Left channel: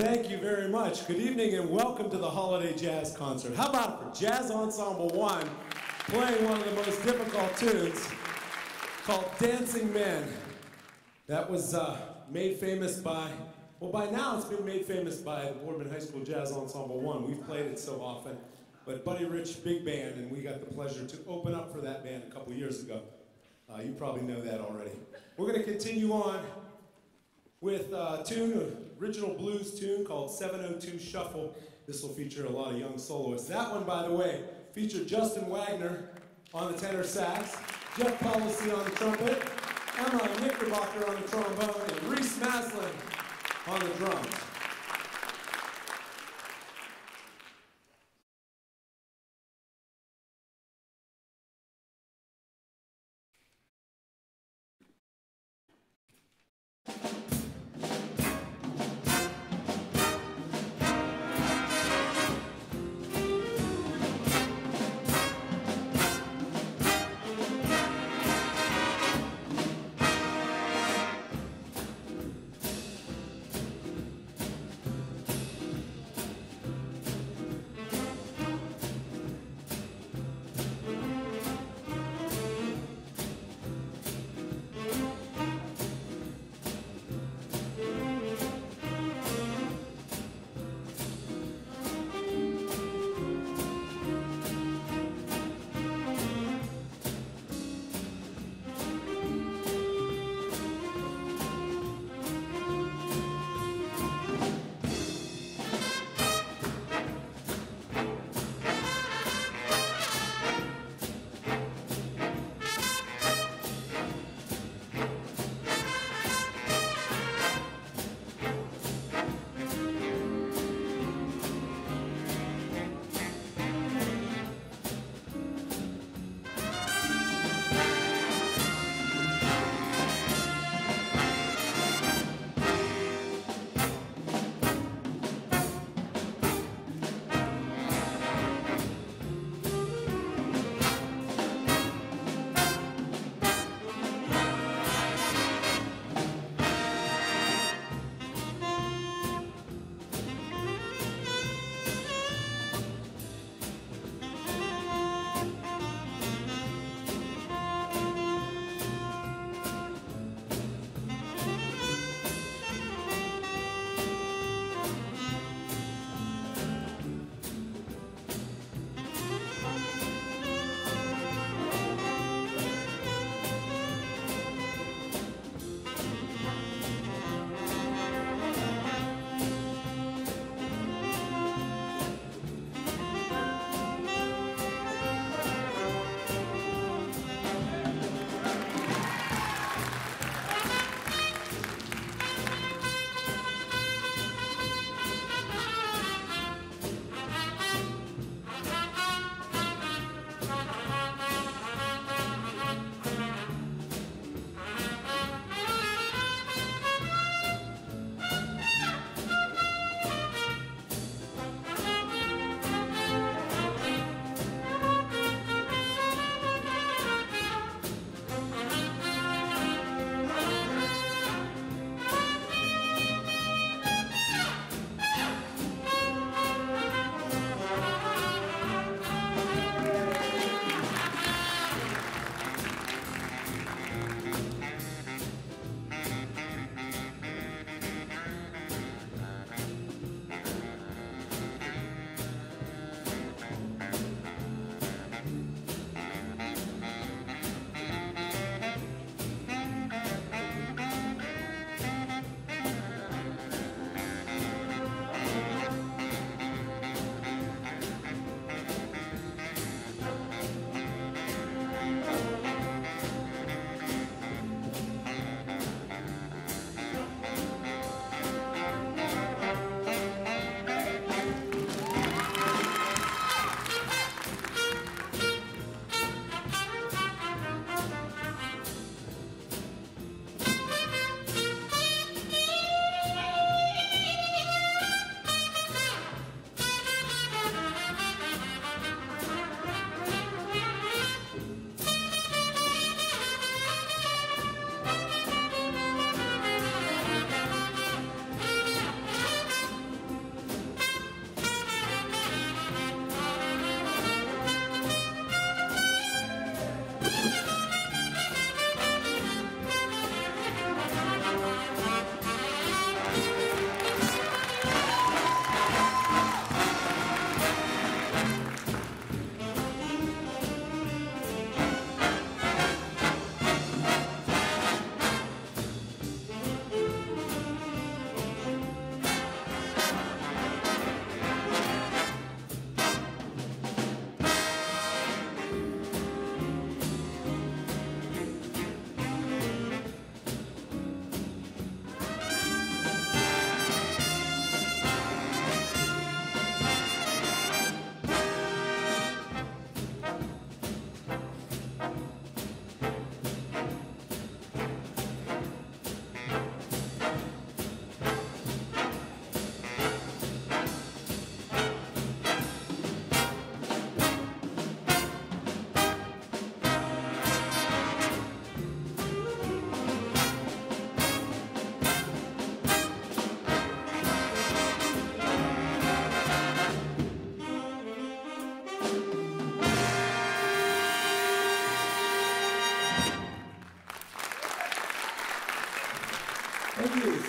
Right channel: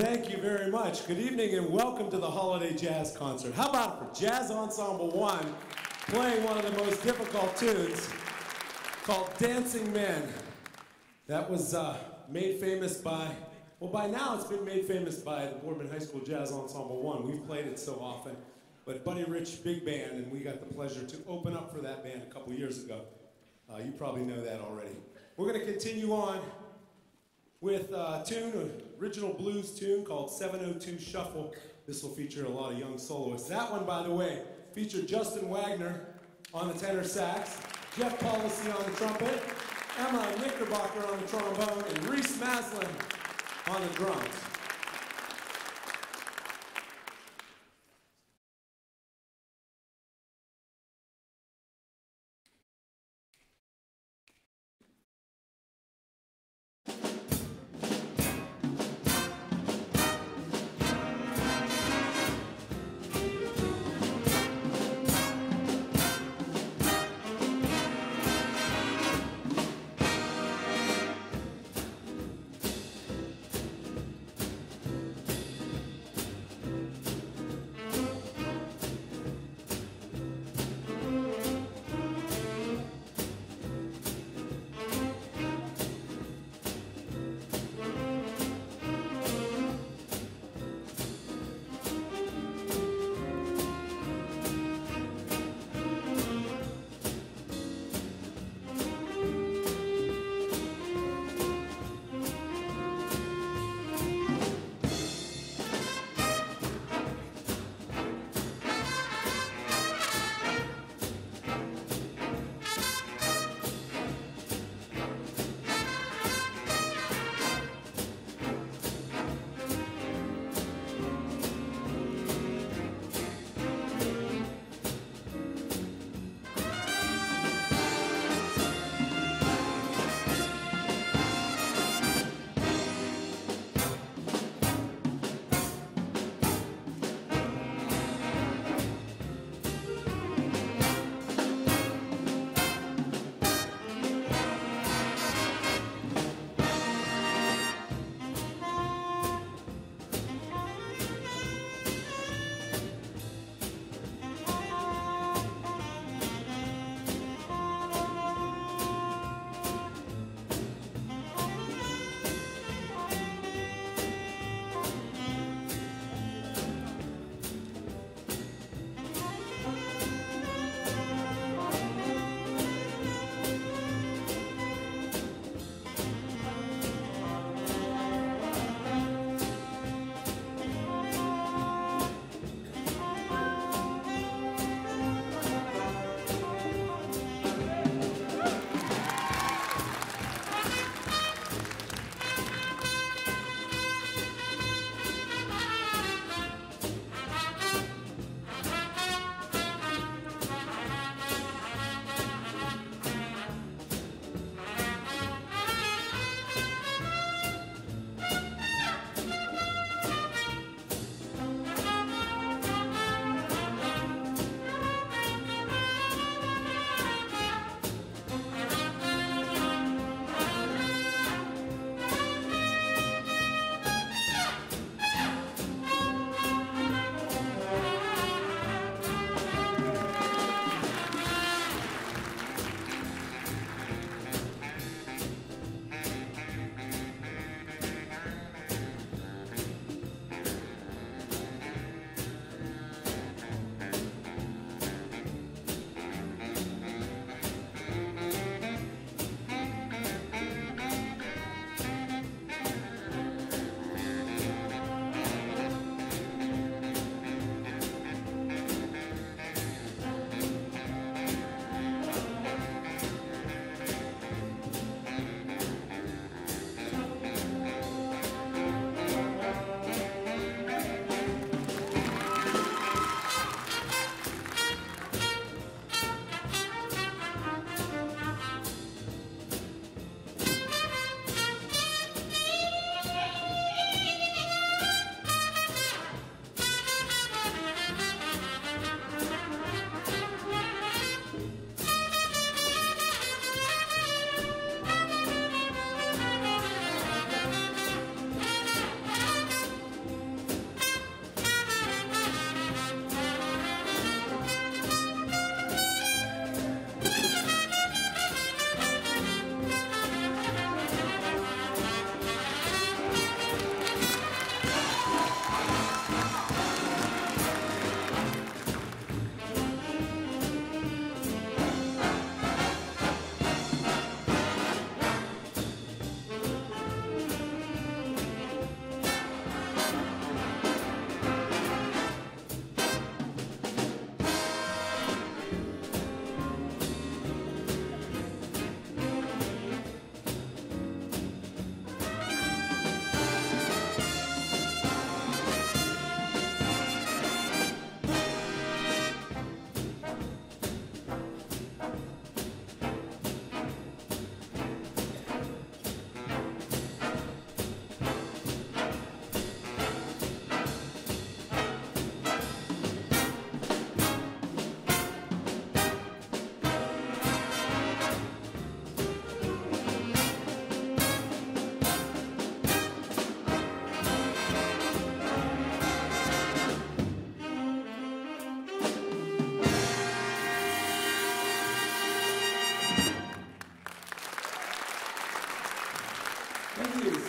Thank you very much. Good evening and welcome to the Holiday Jazz Concert. How about it for Jazz Ensemble 1 playing one of the most difficult tunes called Dancing Men. That was made famous by, well, by now it's been made famous by the Boardman High School Jazz Ensemble 1. We've played it so often, but Buddy Rich Big Band, and we got the pleasure to open up for that band a couple years ago. You probably know that already. We're going to continue on with a tune, an original blues tune called 702 Shuffle. This will feature a lot of young soloists. That one, by the way, featured Justin Wagner on the tenor sax, Jeff Policy on the trumpet, Emma Knickerbocker on the trombone, and Reese Maslin on the drums.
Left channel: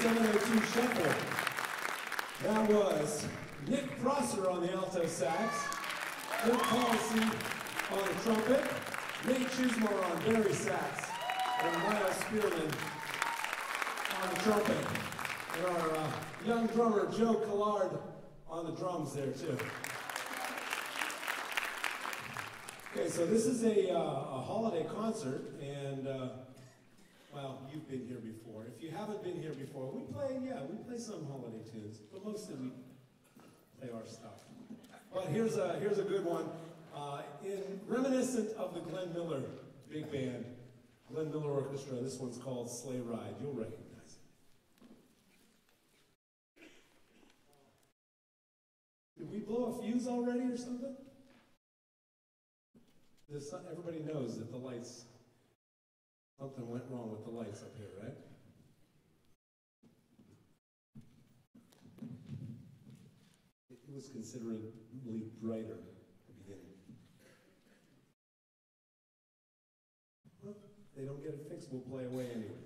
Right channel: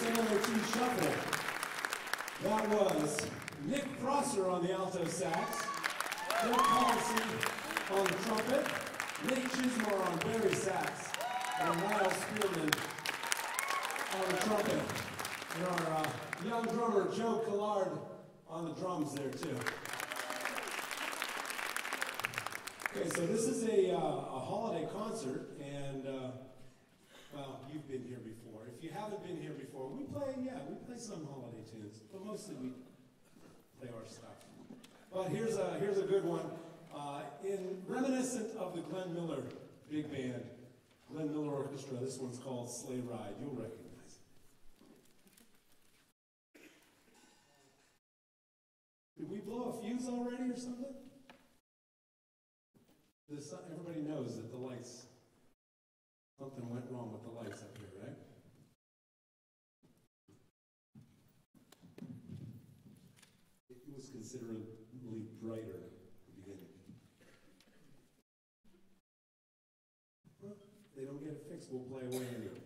702 Shuffle. That was Nick Prosser on the alto sax, Nick Policy on the trumpet, Nate Chismore on bari sax, and Miles Spearman on the trumpet. And our young drummer, Joe Collard, on the drums there, too. Okay, so this is a holiday concert, and, well, you've been here before. If you haven't been here before, we play some holiday tunes, but mostly we play our stuff. But here's a good one. In reminiscent of the Glenn Miller Big Band, Glenn Miller Orchestra, this one's called Sleigh Ride. You'll recognize it. Did we blow a fuse already or something? Everybody knows that the lights, something went wrong with the lights up here, right? It was considerably brighter at the beginning. Well, they don't get it fixed, we'll play away anyway.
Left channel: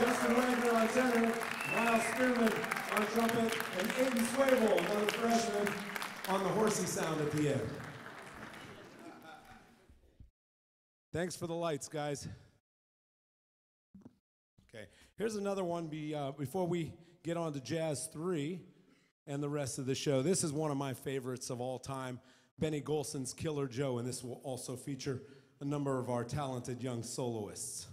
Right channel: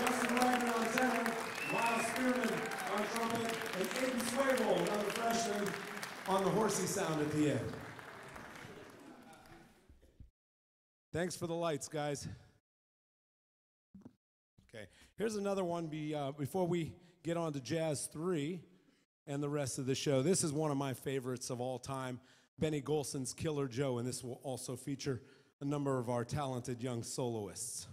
Justin Wagner on tenor, Miles Spearman on trumpet, and Aiden Swaybold on the on the horsey sound at the end. Thanks for the lights, guys. Okay, here's another one before we get on to Jazz 3 and the rest of the show. This is one of my favorites of all time, Benny Golson's Killer Joe, and this will also feature a number of our talented young soloists.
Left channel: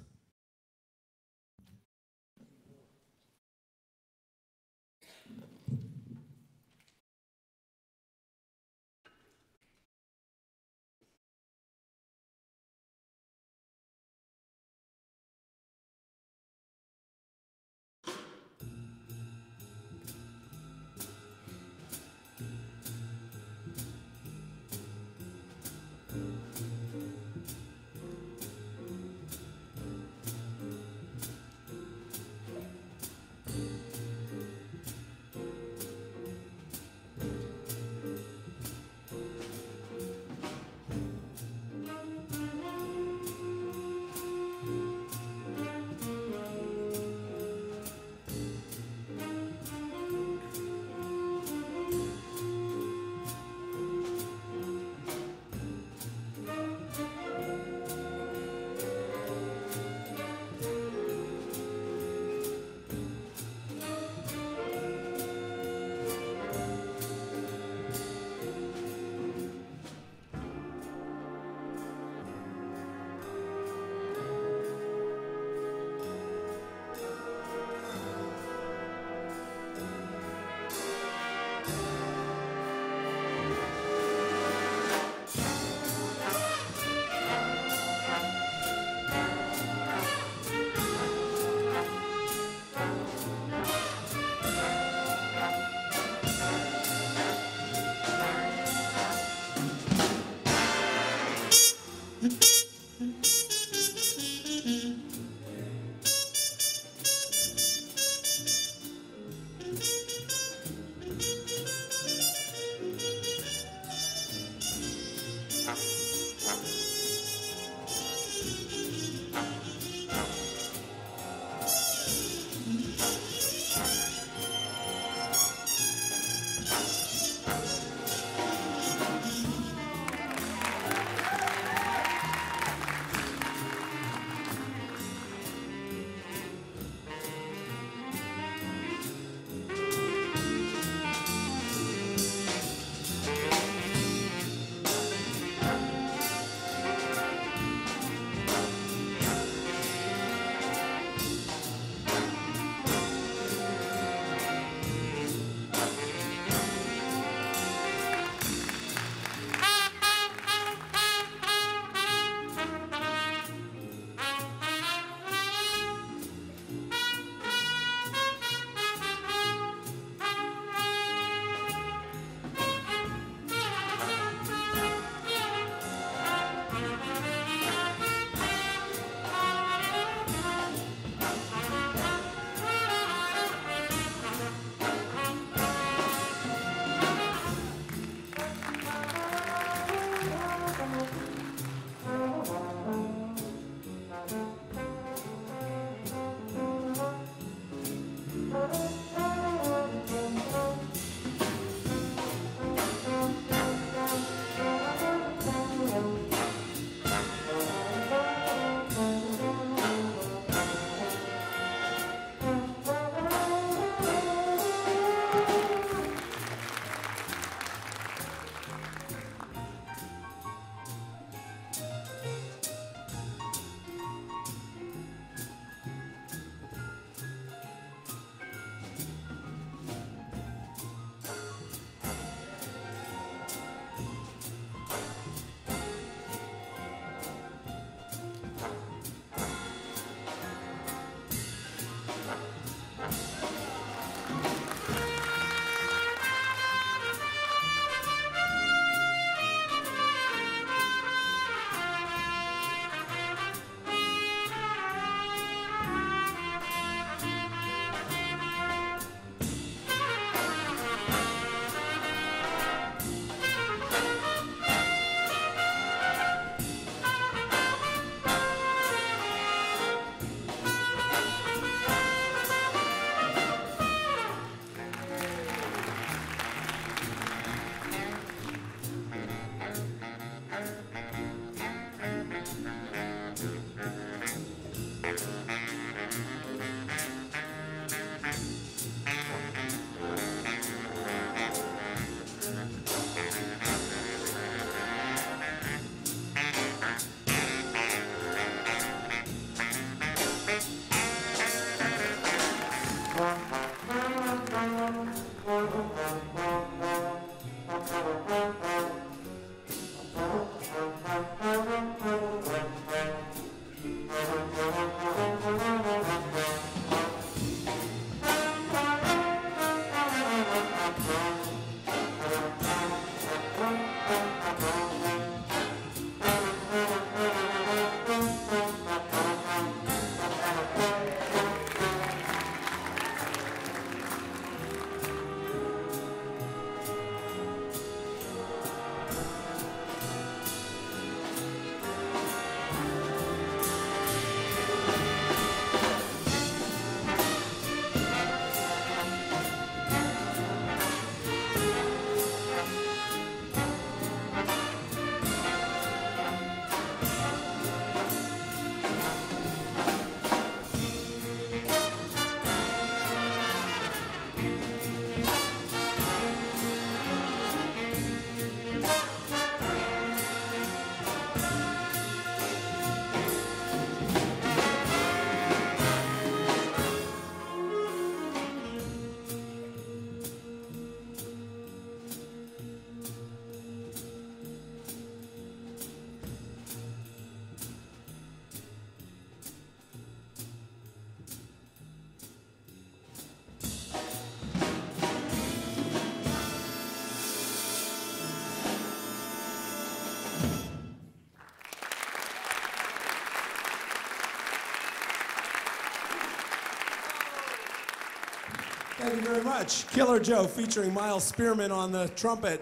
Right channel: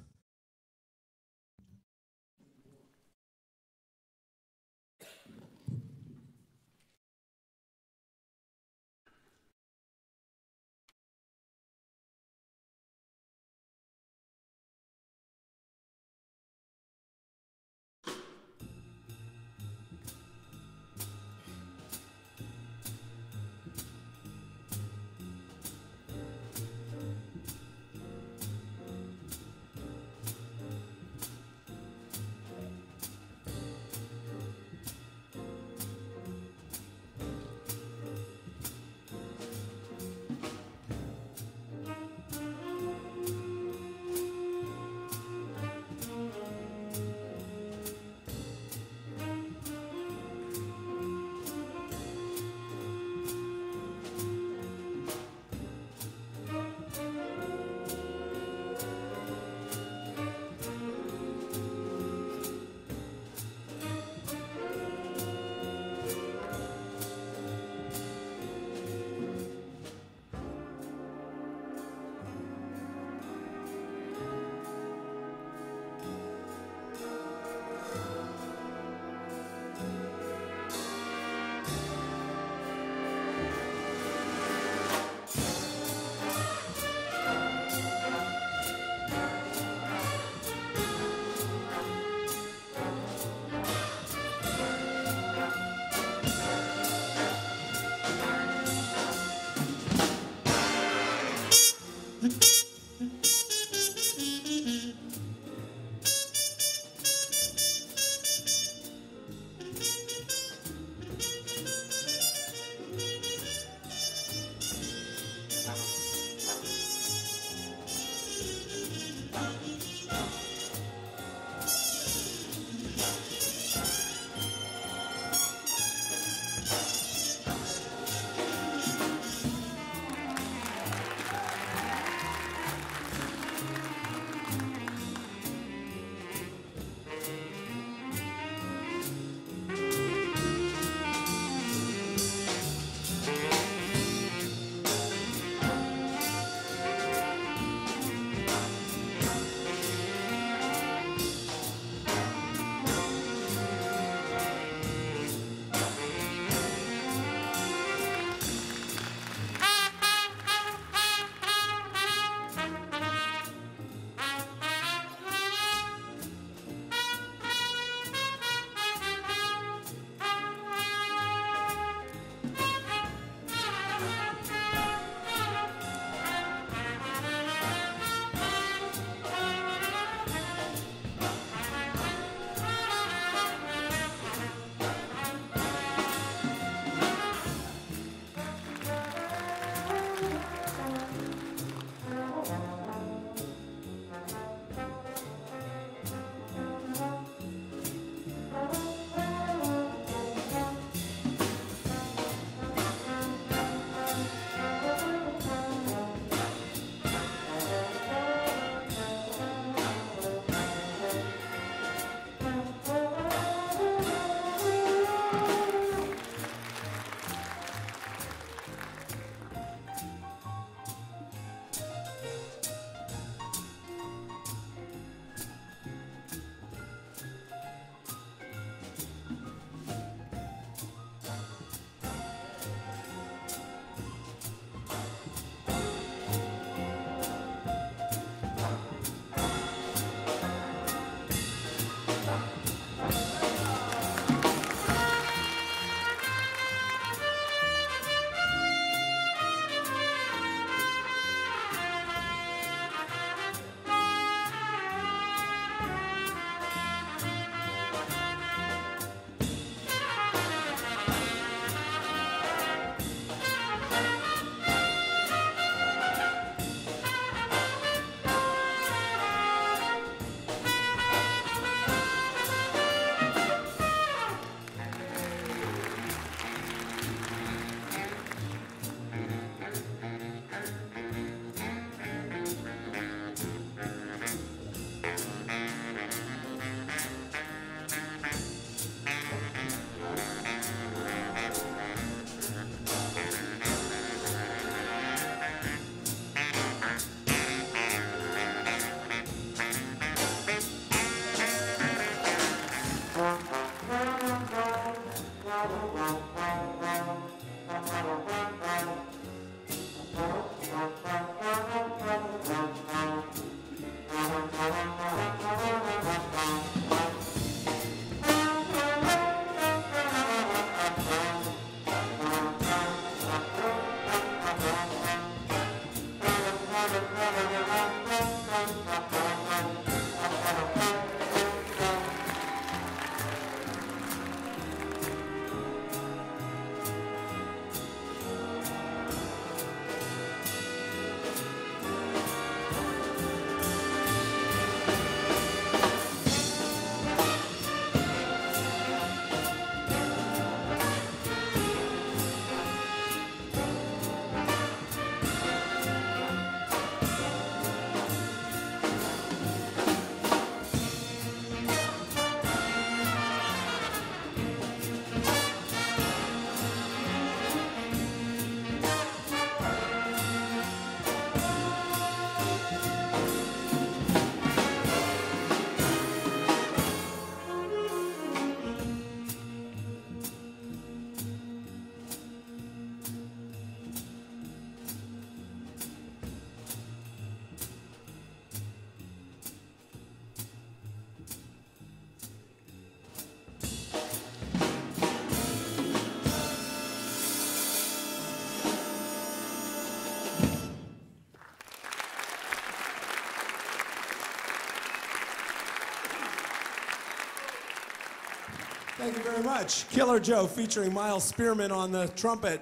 Thank you very much. Killer Joe featuring Miles Spearman on the trumpet,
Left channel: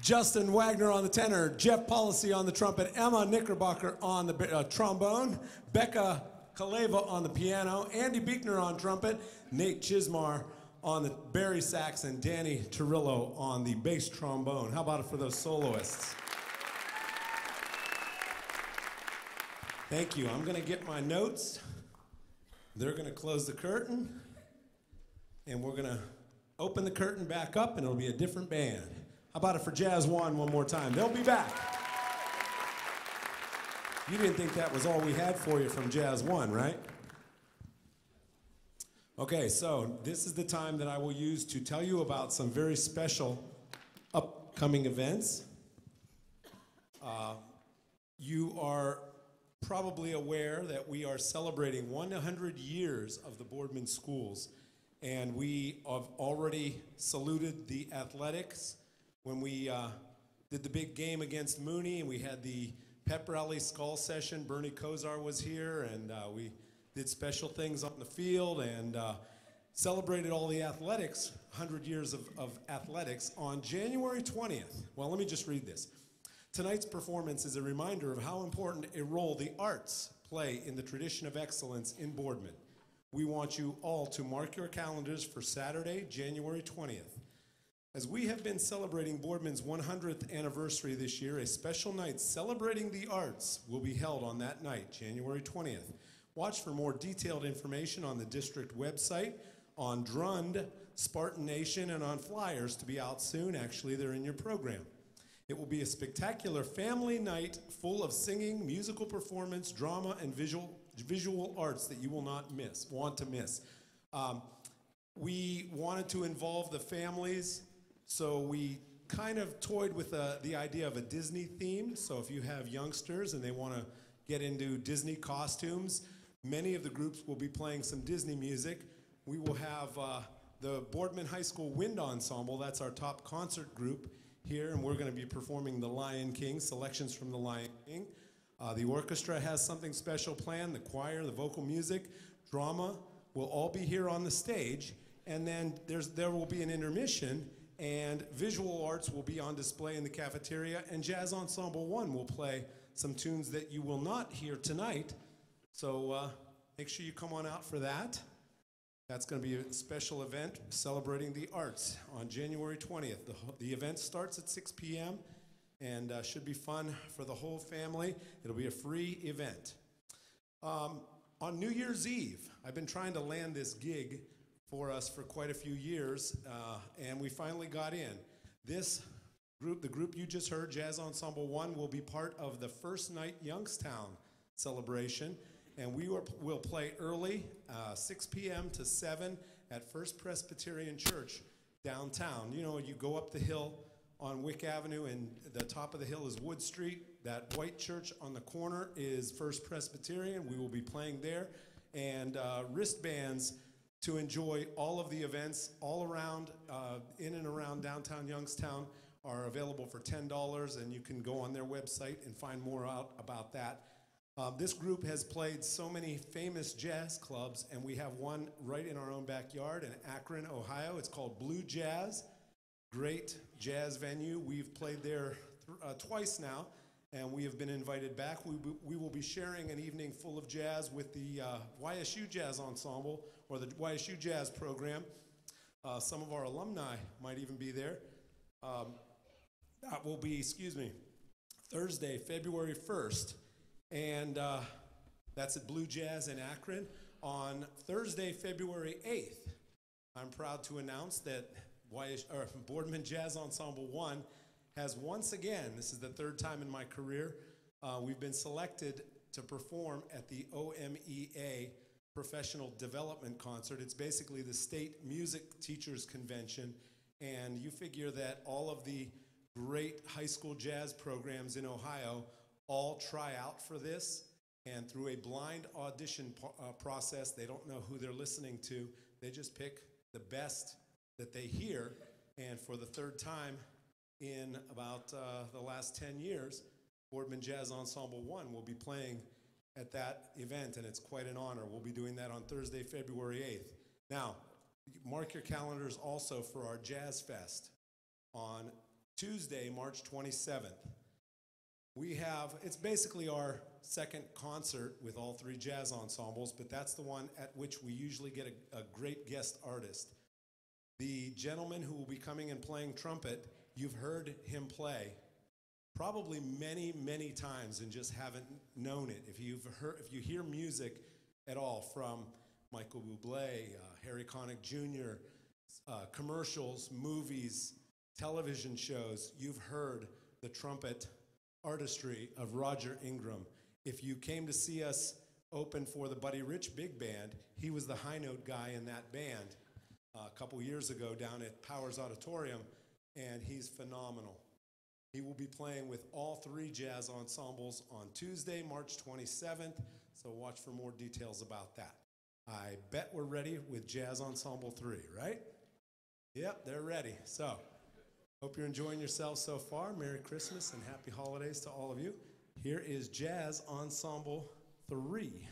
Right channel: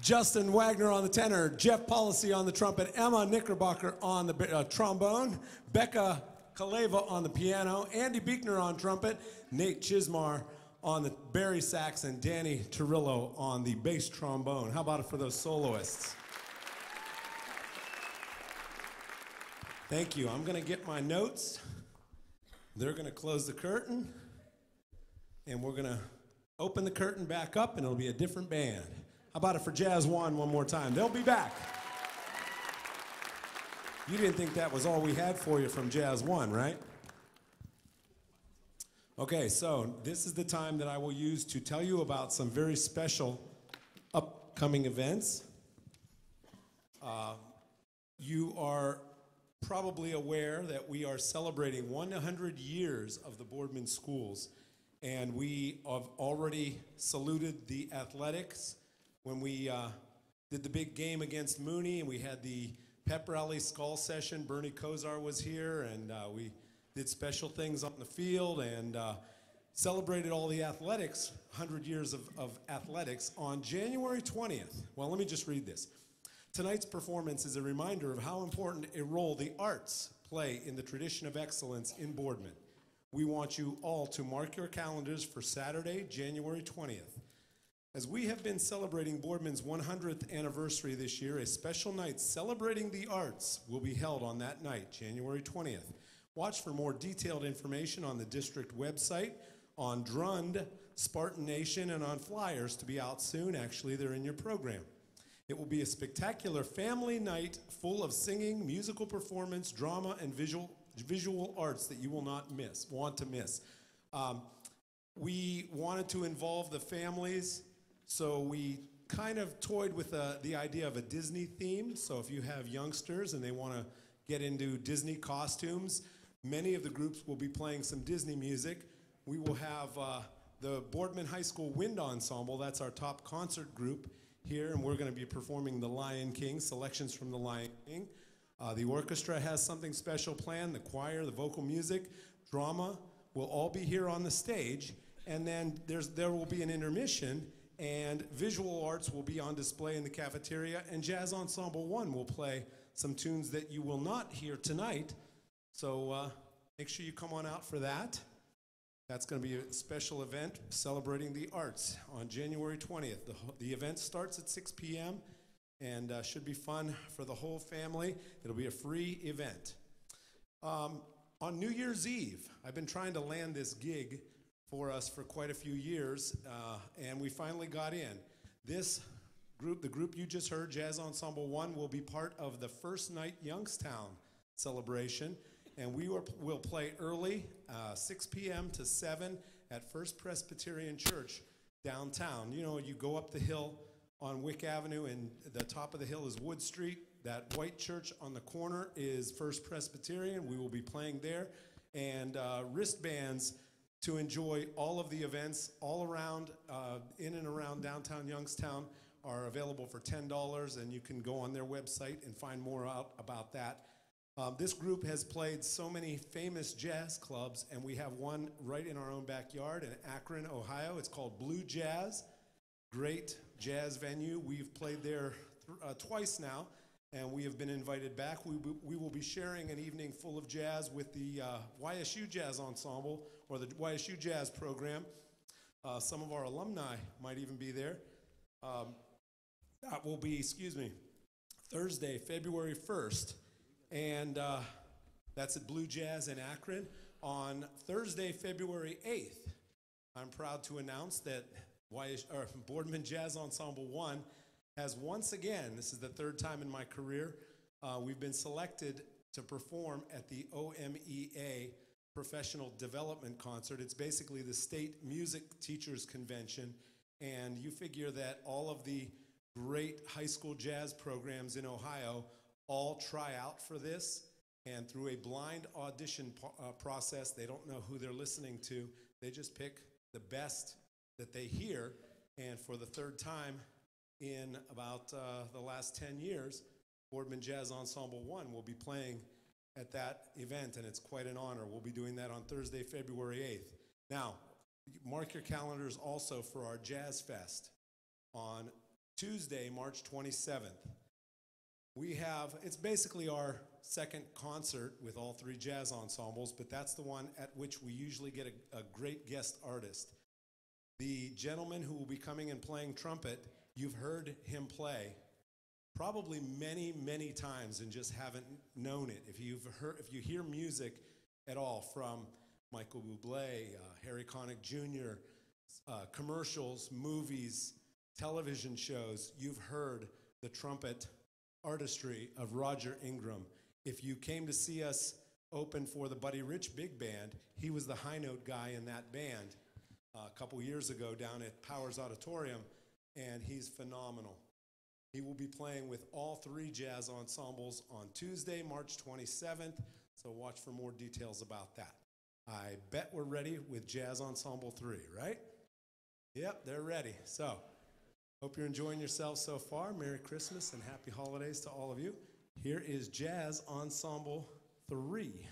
Justin Wagner on the tenor, Jeff Policy on the trumpet, Emma Knickerbocker on the trombone, Becca Kaleva on the piano, Andy Beekner on trumpet, Nate Chismar on the bari sax, and Danny Torillo on the bass trombone. How about it for those soloists? Thank you. I'm going to get my notes. They're going to close the curtain, and we're going to open the curtain back up, and it'll be a different band. How about it for Jazz One more time? They'll be back. You didn't think that was all we had for you from Jazz One, right? Okay, so this is the time that I will use to tell you about some very special upcoming events. You are probably aware that we are celebrating 100 years of the Boardman Schools, and we have already saluted the athletics when we did the big game against Mooney, and we had the pep rally skull session. Bernie Kosar was here, and we did special things on the field and celebrated all the athletics, 100 years of athletics, on January 20th. Well, let me just read this. Tonight's performance is a reminder of how important a role the arts play in the tradition of excellence in Boardman. We want you all to mark your calendars for Saturday, January 20th. As we have been celebrating Boardman's 100th anniversary this year, a special night celebrating the arts will be held on that night, January 20th. Watch for more detailed information on the district website, on Drund, Spartan Nation, and on flyers to be out soon. Actually, they're in your program. It will be a spectacular family night full of singing, musical performance, drama, and visual arts that you will not want to miss. We wanted to involve the families, so we kind of toyed with the idea of a Disney theme. So if you have youngsters and they want to get into Disney costumes, many of the groups will be playing some Disney music. We will have the Boardman High School Wind Ensemble. That's our top concert group here, and we're going to be performing The Lion King, selections from The Lion King. The orchestra has something special planned. The choir, the vocal music, drama will all be here on the stage, and then there will be an intermission, and visual arts will be on display in the cafeteria, and Jazz Ensemble One will play some tunes that you will not hear tonight. So make sure you come on out for that. That's going to be a special event celebrating the arts on January 20th. The event starts at 6 p.m. and should be fun for the whole family. It'll be a free event. On New Year's Eve, I've been trying to land this gig for us for quite a few years, and we finally got in. This group, the group you just heard, Jazz Ensemble One, will be part of the First Night Youngstown celebration. And we will play early, 6 p.m. to 7 at First Presbyterian Church downtown. You know, you go up the hill on Wick Avenue, and the top of the hill is Wood Street. That white church on the corner is First Presbyterian. We will be playing there. And wristbands to enjoy all of the events all around, in and around downtown Youngstown are available for $10, and you can go on their website and find more out about that. This group has played so many famous jazz clubs, and we have one right in our own backyard in Akron, Ohio. It's called Blue Jazz. Great jazz venue. We've played there twice now, and we have been invited back. We will be sharing an evening full of jazz with the YSU Jazz Ensemble, or the YSU Jazz Program. Some of our alumni might even be there. That will be, Thursday, February 1st. And that's at Blue Jazz in Akron. On Thursday, February 8th, I'm proud to announce that Boardman Jazz Ensemble One has once again, this is the third time in my career, we've been selected to perform at the OMEA Professional Development Concert. It's basically the State Music Teachers Convention, and you figure that all of the great high school jazz programs in Ohio all try out for this, and through a blind audition process, they don't know who they're listening to. They just pick the best that they hear, and for the third time in about the last 10 years, Boardman Jazz Ensemble One will be playing at that event, and it's quite an honor. We'll be doing that on Thursday, February 8th. Now, mark your calendars also for our Jazz Fest on Tuesday, March 27th. It's basically our second concert with all three jazz ensembles, but that's the one at which we usually get a great guest artist. The gentleman who will be coming and playing trumpet, you've heard him play probably many, many times and just haven't known it. If you hear music at all from Michael Bublé, Harry Connick Jr., commercials, movies, television shows, you've heard the trumpet artistry of Roger Ingram. If you came to see us open for the Buddy Rich Big Band, he was the high note guy in that band a couple years ago down at Powers Auditorium, and he's phenomenal. He will be playing with all three jazz ensembles on Tuesday, March 27th, so watch for more details about that. I bet we're ready with Jazz Ensemble 3, right? Yep, they're ready. So, hope you're enjoying yourselves so far. Merry Christmas and Happy Holidays to all of you. Here is Jazz Ensemble 3.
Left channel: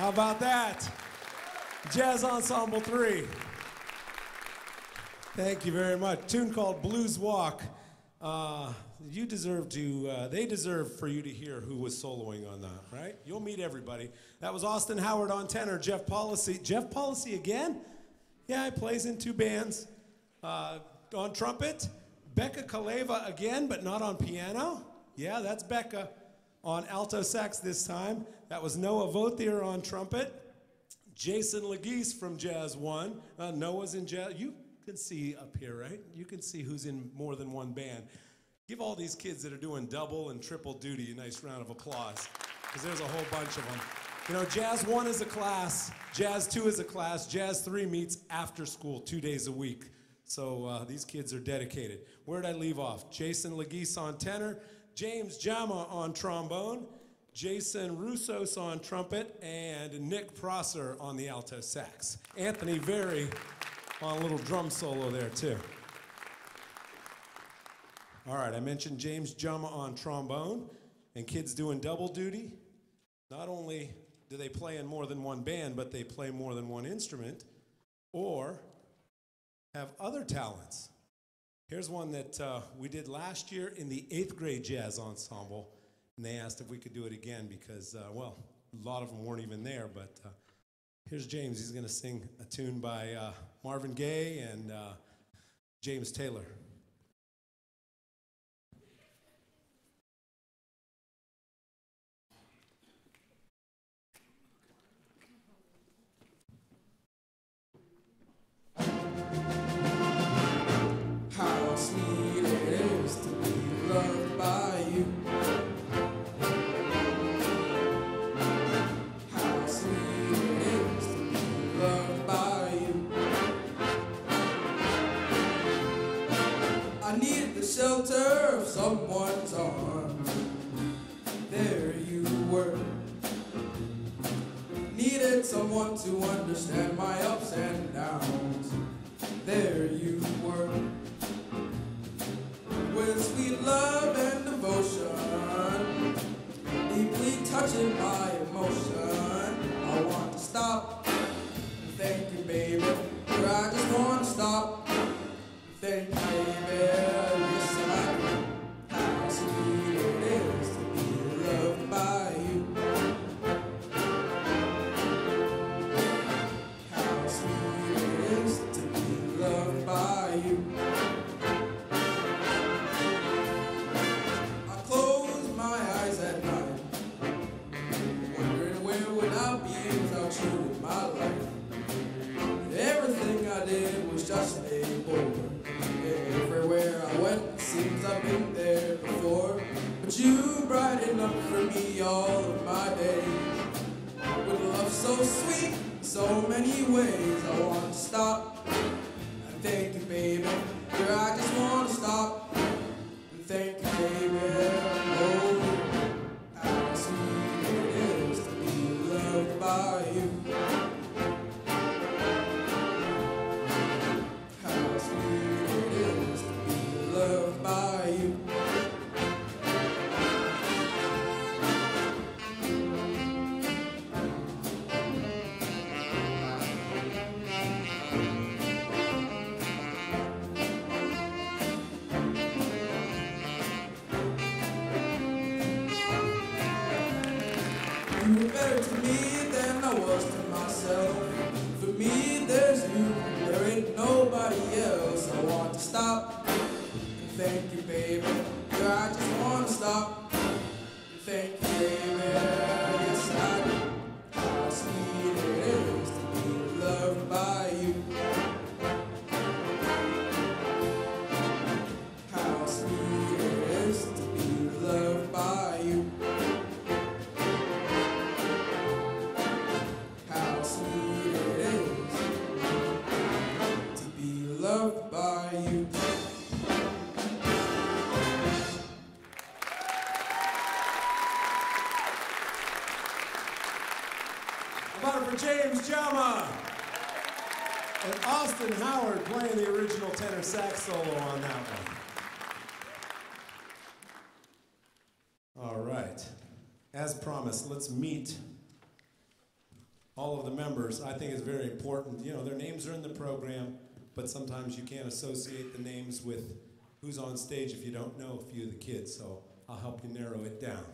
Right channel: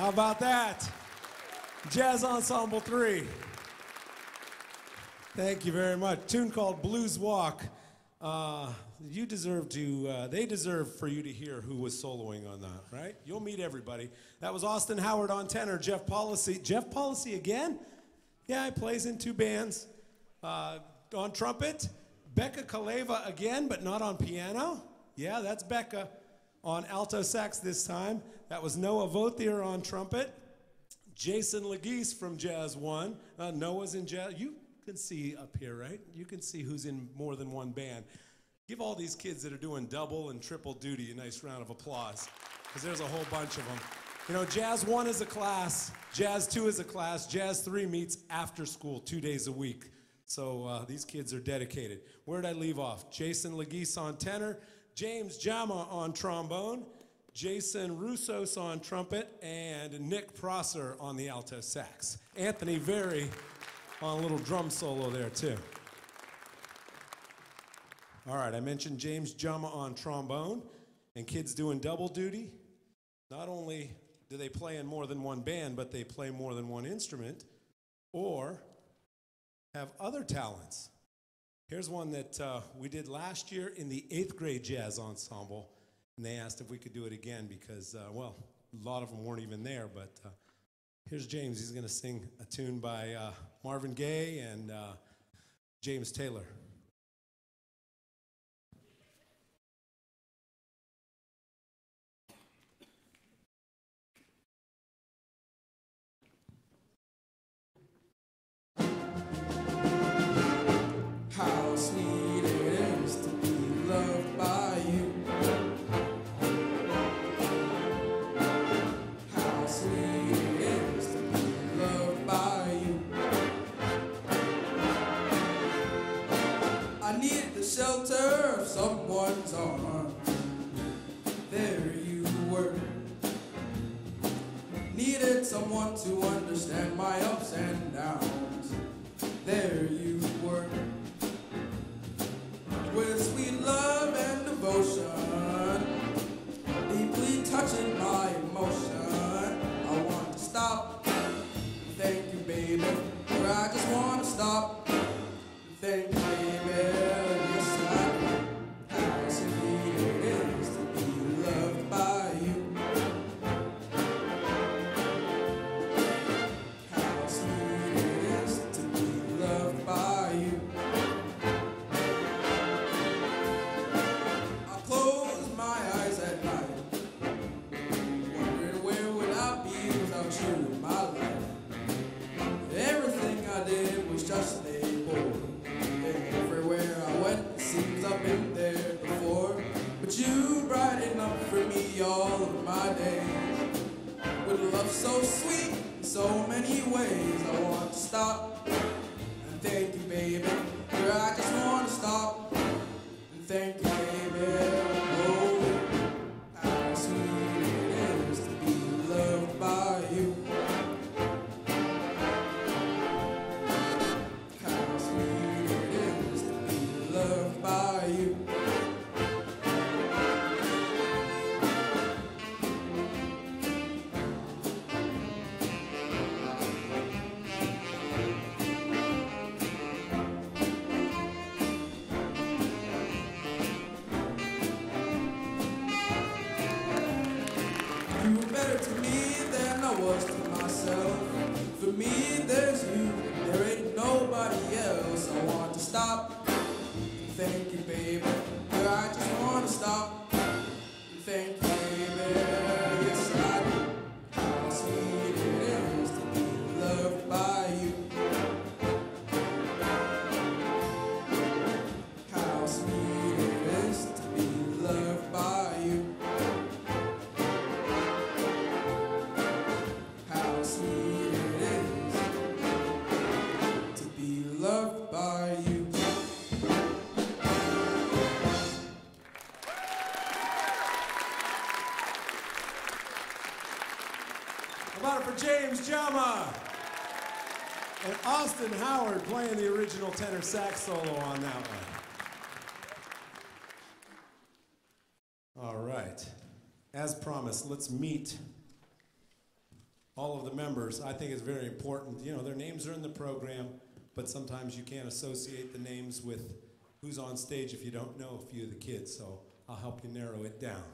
How about that? Jazz Ensemble 3. Thank you very much. Tune called Blues Walk. You deserve to, they deserve for you to hear who was soloing on that, right? You'll meet everybody. That was Austin Howard on tenor, Jeff Policy. Jeff Policy again? Yeah, he plays in 2 bands. On trumpet, Becca Kaleva again, but not on piano. Yeah, that's Becca. On alto sax this time. That was Noah Vothier on trumpet. Jason Legis from Jazz 1. Noah's in Jazz. You can see up here, right? You can see who's in more than one band. Give all these kids that are doing double and triple duty a nice round of applause, because there's a whole bunch of them. You know, Jazz 1 is a class, Jazz 2 is a class, Jazz 3 meets after school 2 days a week. So these kids are dedicated. Where'd I leave off? Jason Legis on tenor, James Jama on trombone, Jason Roussos on trumpet, and Nick Prosser on the alto sax. Anthony Very on a little drum solo there too. All right, I mentioned James Jama on trombone, and kids doing double duty. Not only do they play in more than one band, but they play more than one instrument, or have other talents. Here's one that we did last year in the 8th grade jazz ensemble, and they asked if we could do it again because, well, a lot of them weren't even there, but here's James. He's gonna sing a tune by Marvin Gaye and James Taylor. How sweet it is to be loved by you. How sweet it is to be loved by you. I needed the shelter of someone's arms. There you were. Needed someone to understand my ups and downs. There you were. With sweet love and devotion, deeply touching my emotion. I want to stop and thank you, baby. Or I just want to stop and thank you, baby. Yes, I do. How sweet it is to be loved by you. How sweet it is to be loved by you. At night, wondering where would I be without you in my life. Everything I did was just a bore. Everywhere I went, it seems I've been there before. But you brighten up for me all of my days. With a love so sweet in so many ways, I want to stop and thank you, baby. Girl, I just want to stop and thank you, baby. Oh, how sweet it is to be loved by you. How sweet it is to be loved by you. You were better to me than I was to myself. For me, there's you, there ain't nobody else. I want to stop and thank you, baby. Girl, I just want to stop and thank you, baby. Yes, I do. How sweet it is to be loved by you. How sweet it is to be loved by you. How sweet it is to be loved by you. How about it for James Jama and Austin Howard playing the original tenor sax solo on that one. All right. As promised, let's meet all of the members. I think it's very important. You know, their names are in the program, but sometimes you can't associate the names with who's on stage if you don't know a few of the kids, so I'll help you narrow it down.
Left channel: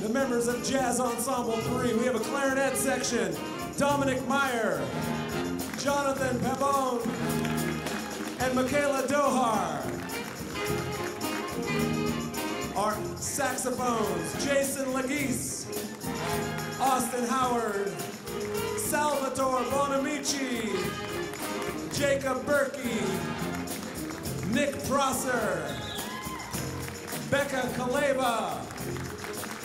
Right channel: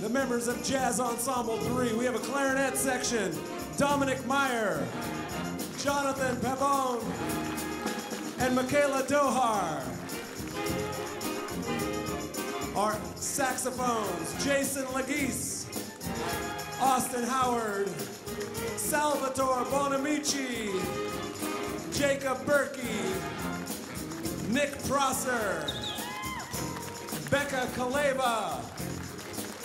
The members of Jazz Ensemble 3. We have a clarinet section, Dominic Meyer, Jonathan Pabon, and Michaela Dohar. Our saxophones, Jason Legis, Austin Howard, Salvatore Bonamici, Jacob Berkey, Nick Prosser, Becca Kaleva,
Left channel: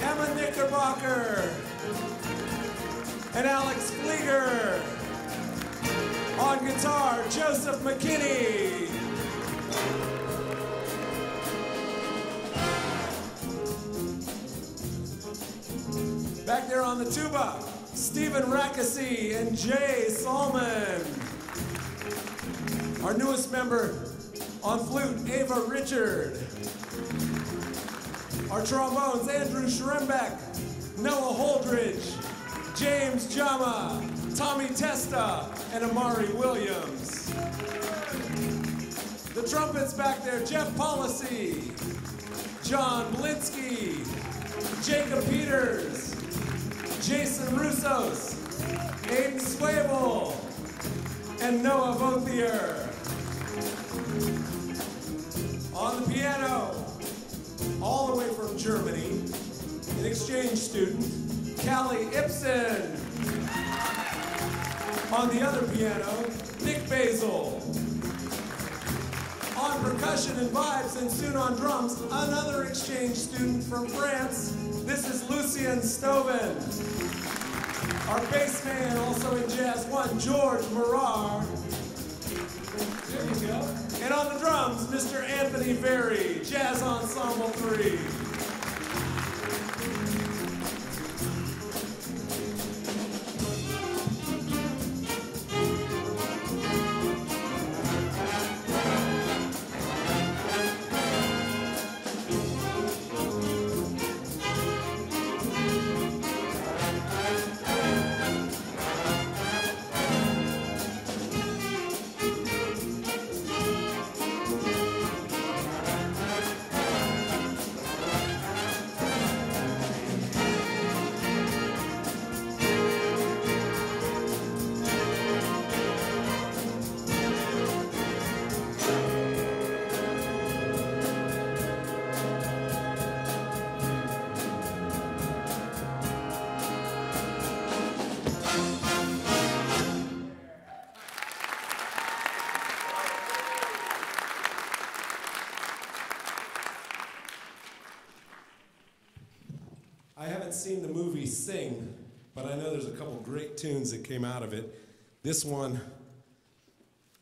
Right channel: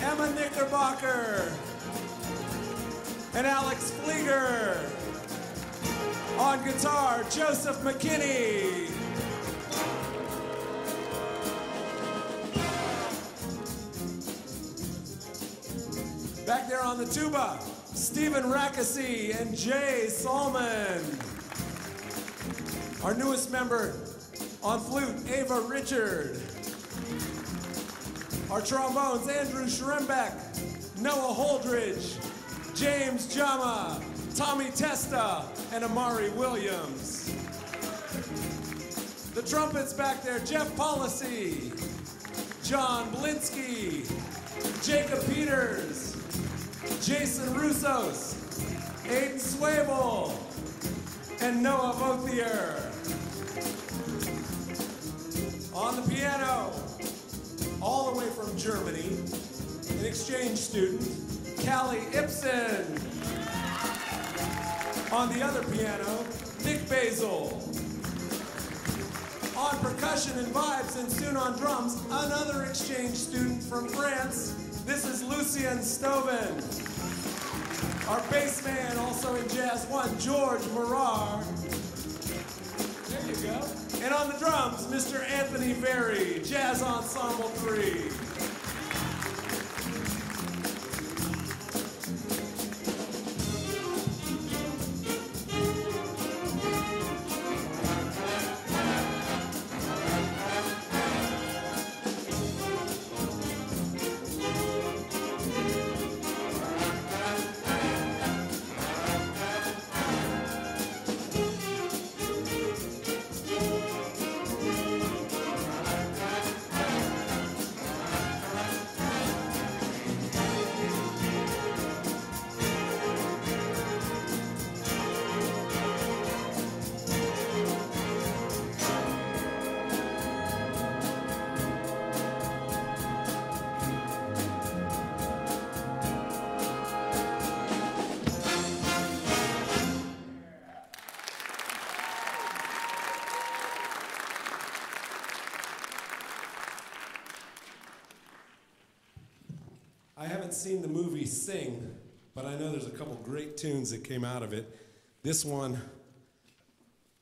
Emma Knickerbocker, and Alex Flieger. On guitar, Joseph McKinney. Back there on the tuba, Stephen Rackesee and Jay Salmon. Our newest member on flute, Ava Richard. Our trombones, Andrew Schrembeck, Noah Holdridge, James Jama, Tommy Testa, and Amari Williams. The trumpets back there, Jeff Policy, John Blinsky, Jacob Peters, Jason Russos, Aiden Swable, and Noah Vothier. On the piano, all the way from Germany, an exchange student, Callie Ibsen. On the other piano, Nick Basil. On percussion and vibes and soon on drums, another exchange student from France. This is Lucien Stoven. Our bass man, also in Jazz 1, George Morar. There you go. And on the drums, Mr. Anthony Very, Jazz Ensemble 3. I haven't seen the movie Sing, but I know there's a couple great tunes that came out of it. This one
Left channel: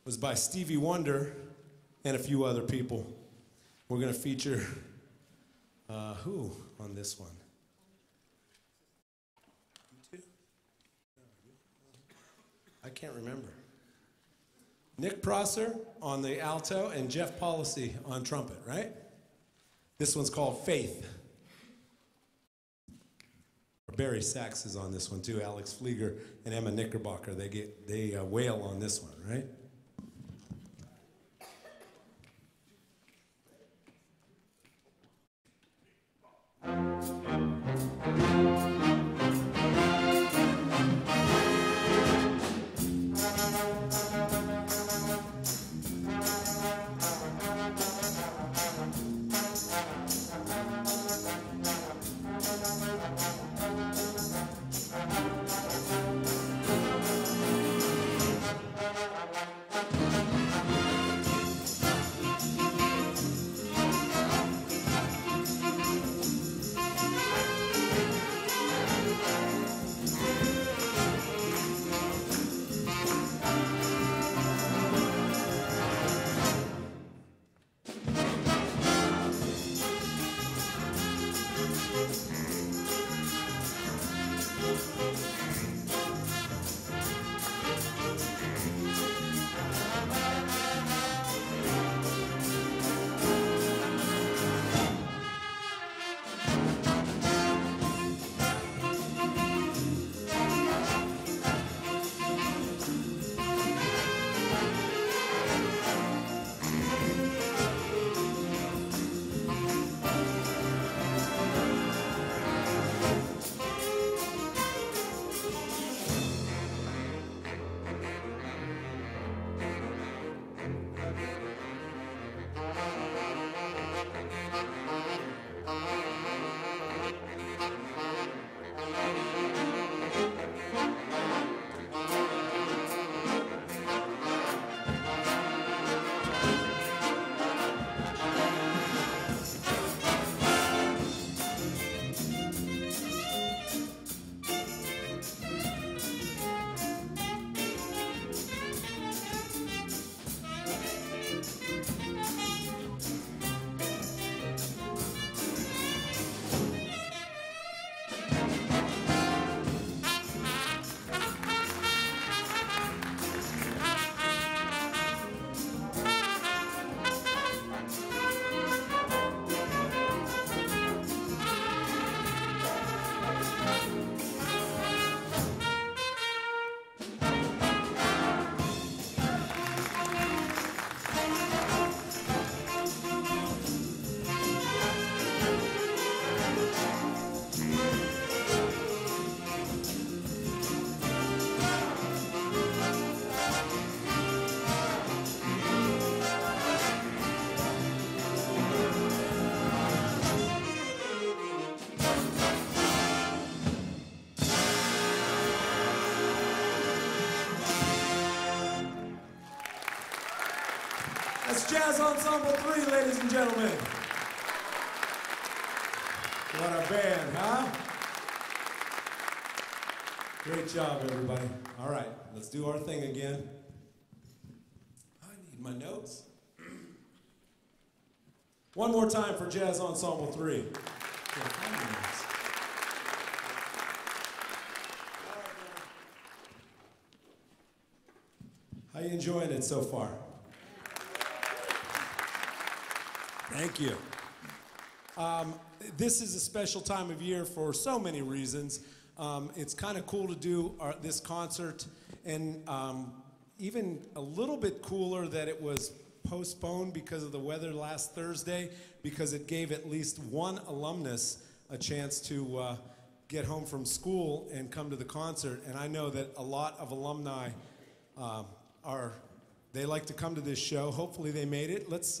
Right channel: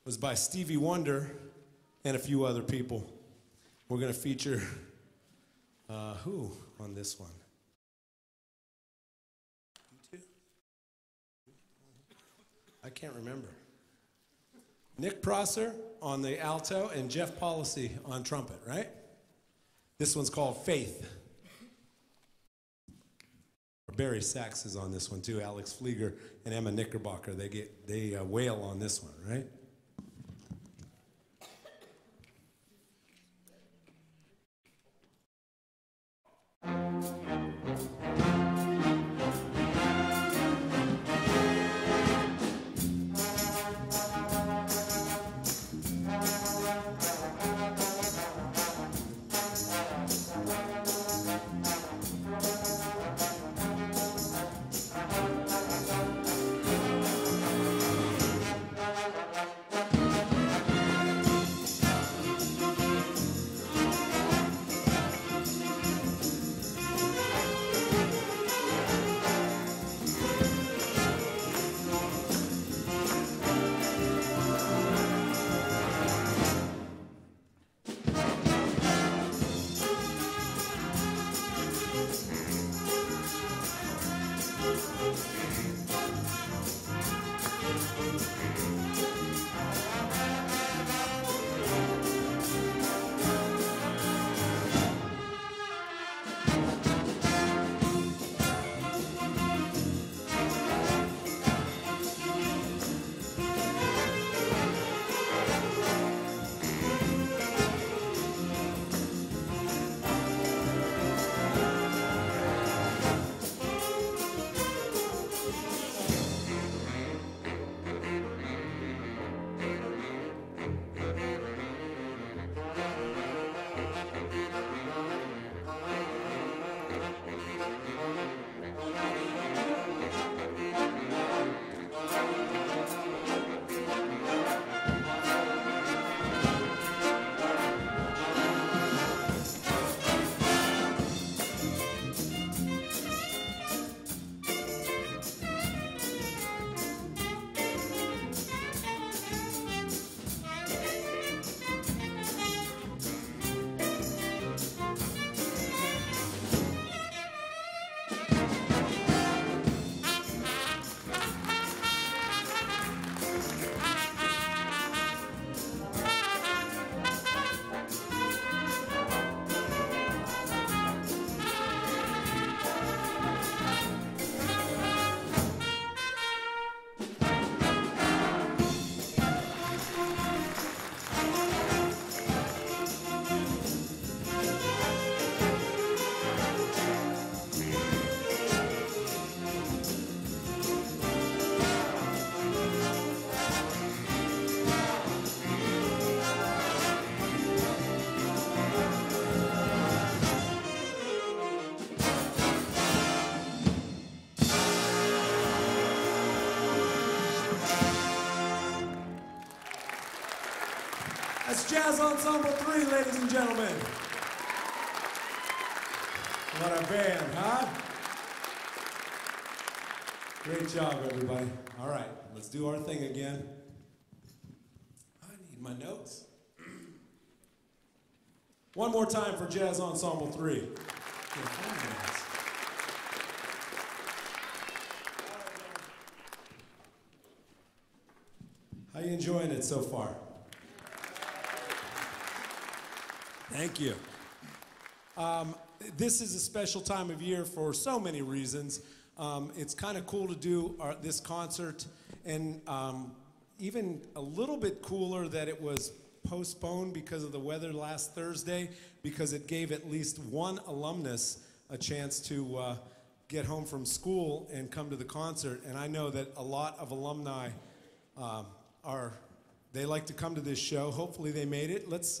was by Stevie Wonder and a few other people. We're going to feature who on this one? You two? I can't remember. Nick Prosser on the alto and Jeff Policy on trumpet, right? This one's called Faith. Barry Sachs is on this one too, Alex Flieger and Emma Knickerbocker. They wail on this one, right? It's Jazz Ensemble 3, ladies and gentlemen. What a band, huh? Great job, everybody. All right, let's do our thing again. I need my notes. One more time for Jazz Ensemble 3. How you enjoying it so far? Thank you. This is a special time of year for so many reasons. It's kind of cool to do this concert, and even a little bit cooler that it was postponed because of the weather last Thursday, because it gave at least one alumnus a chance to get home from school and come to the concert. And I know that a lot of alumni they like to come to this show. Hopefully they made it. Let's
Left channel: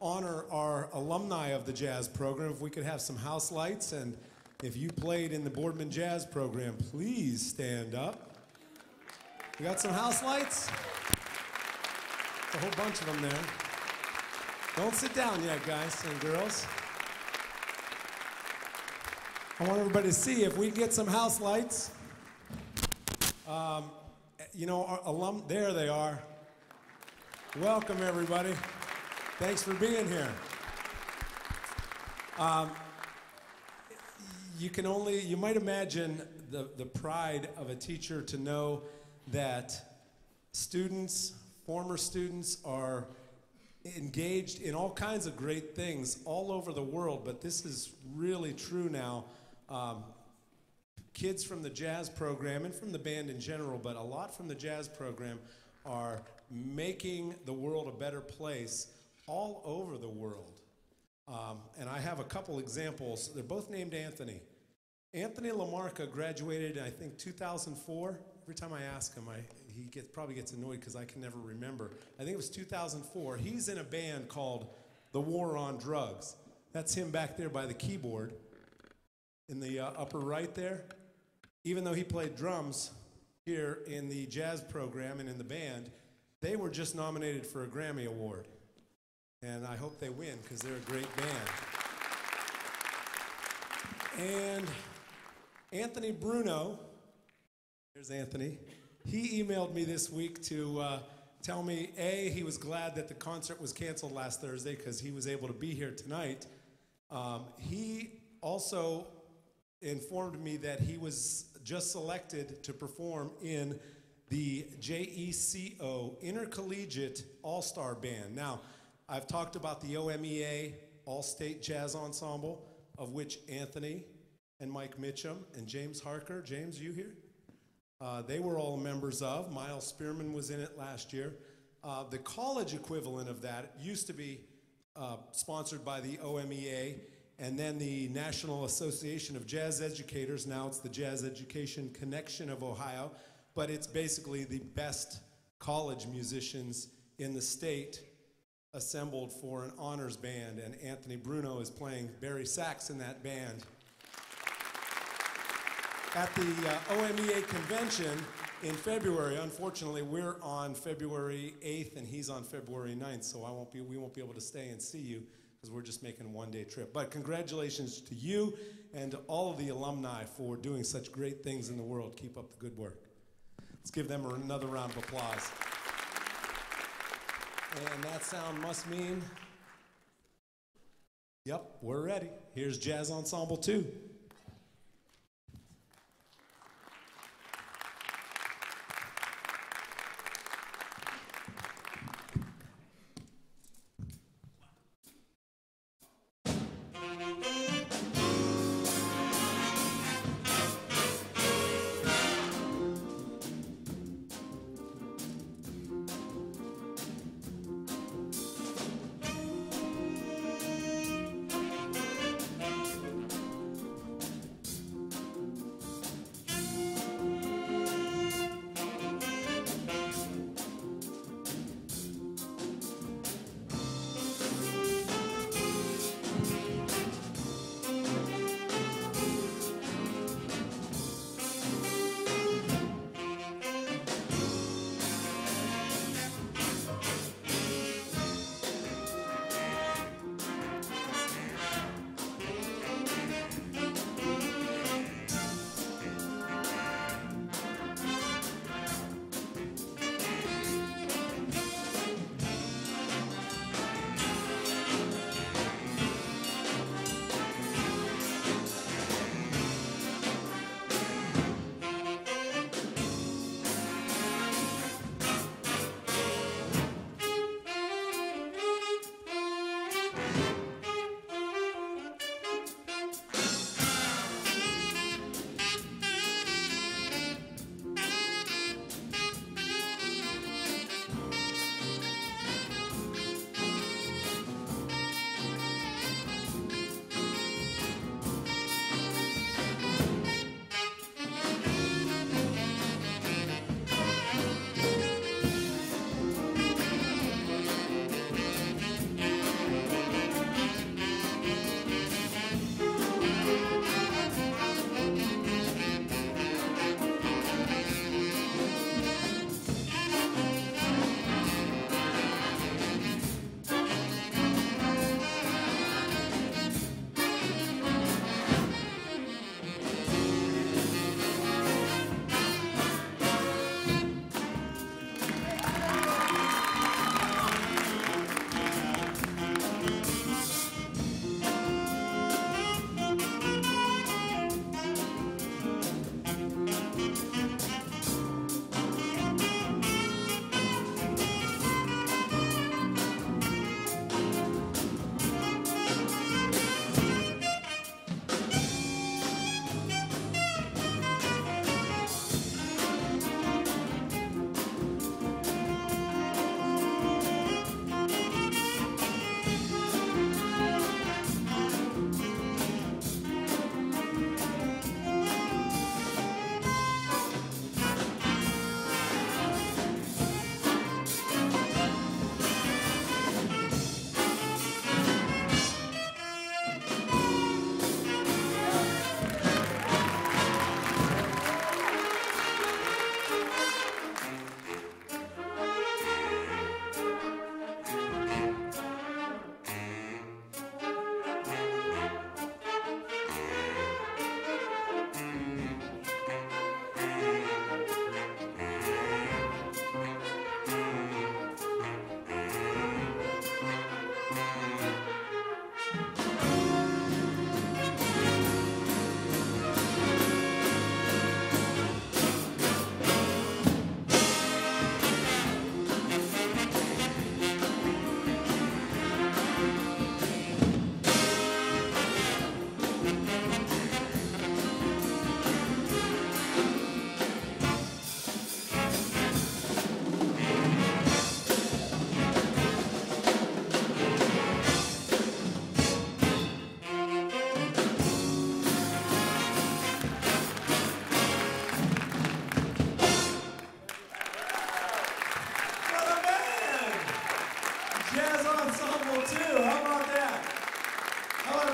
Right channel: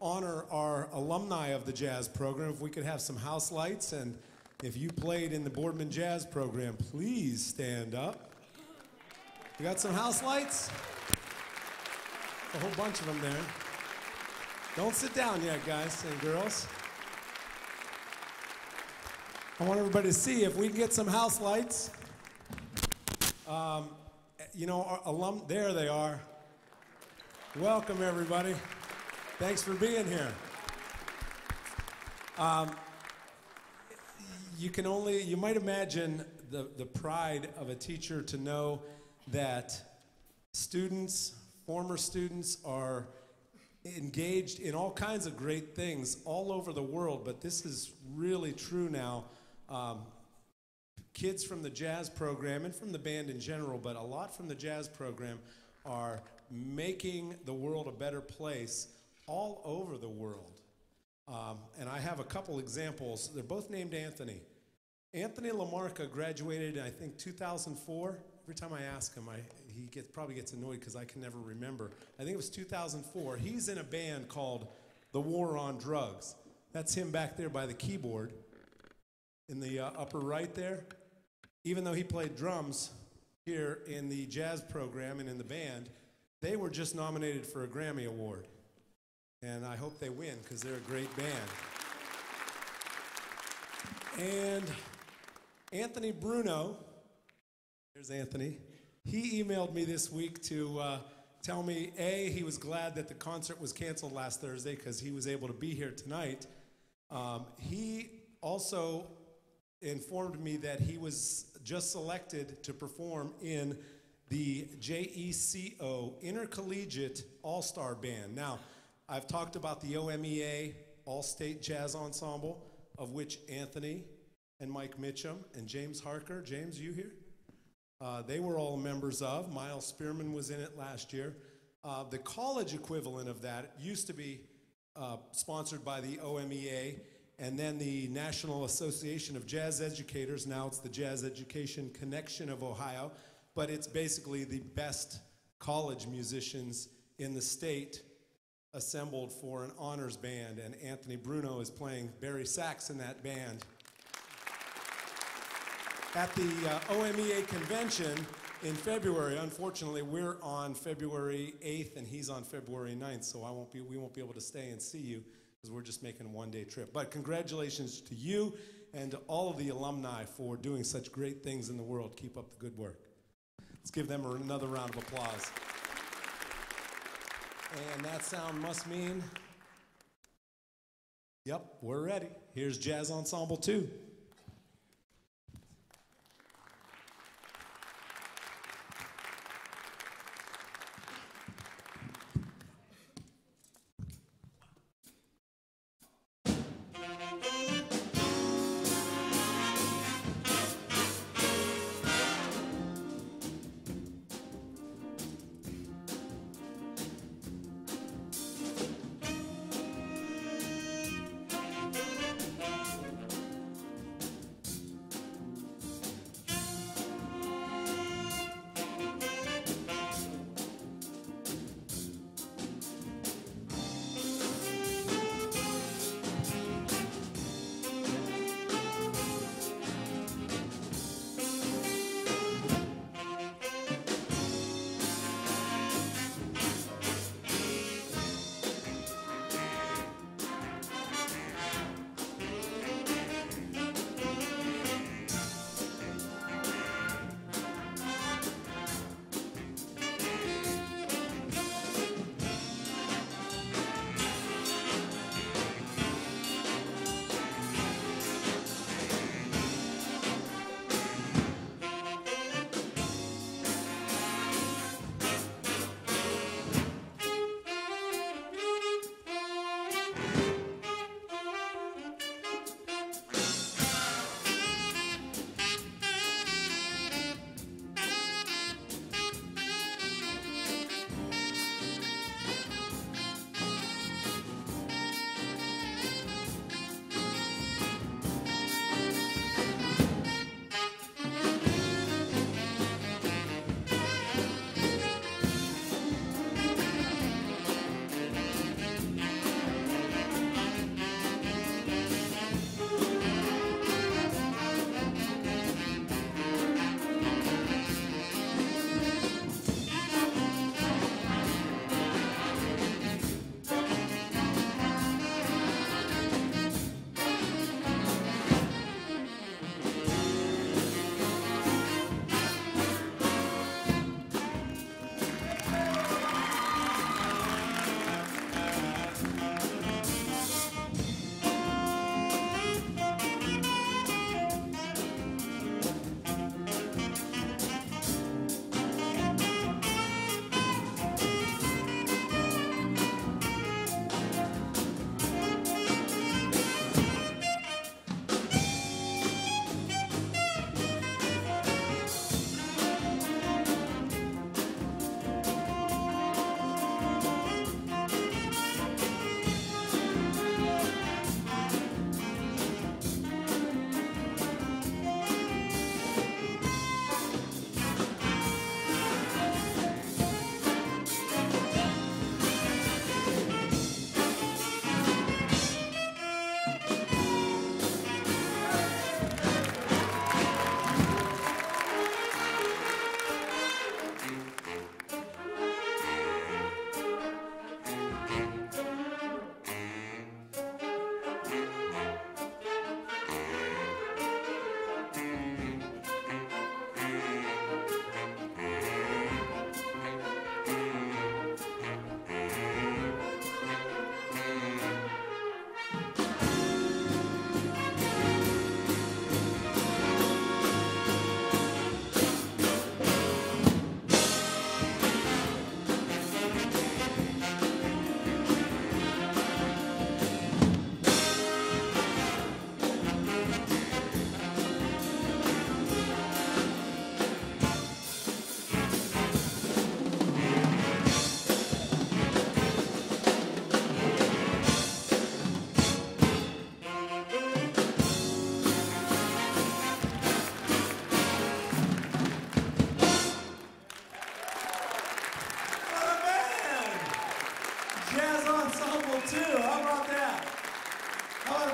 honor our alumni of the jazz program. If we could have some house lights, and if you played in the Boardman Jazz program, please stand up. We got some house lights? A whole bunch of them there. Don't sit down yet, guys and girls. I want everybody to see if we can get some house lights. You know, our there they are. Welcome, everybody. Thanks for being here. You might imagine the pride of a teacher to know that students, former students, are engaged in all kinds of great things all over the world, but this is really true now. Kids from the jazz program and from the band in general, but a lot from the jazz program, are making the world a better place all over the world. And I have a couple examples. They're both named Anthony. Anthony Lamarca graduated in, I think, 2004. Every time I ask him, he probably gets annoyed because I can never remember. I think it was 2004. He's in a band called The War on Drugs. That's him back there by the keyboard in the upper right there. Even though he played drums here in the jazz program and in the band, they were just nominated for a Grammy Award. And I hope they win because they're a great band. And Anthony Bruno, here's Anthony. He emailed me this week to tell me, A, he was glad that the concert was canceled last Thursday because he was able to be here tonight. He also informed me that he was just selected to perform in the JECO Intercollegiate All-Star Band. Now, I've talked about the OMEA All-State Jazz Ensemble, of which Anthony and Mike Mitchum and James Harker, James, you here? They were all members of. Miles Spearman was in it last year. The college equivalent of that used to be sponsored by the OMEA and then the National Association of Jazz Educators. Now it's the Jazz Education Connection of Ohio, but it's basically the best college musicians in the state assembled for an honors band, and Anthony Bruno is playing Barry sax in that band. At the OMEA convention in February, unfortunately, we're on February 8th and he's on February 9th, so we won't be able to stay and see you because we're just making a one-day trip. But congratulations to you and to all of the alumni for doing such great things in the world. Keep up the good work. Let's give them another round of applause. And that sound must mean, yep, we're ready. Here's Jazz Ensemble 2.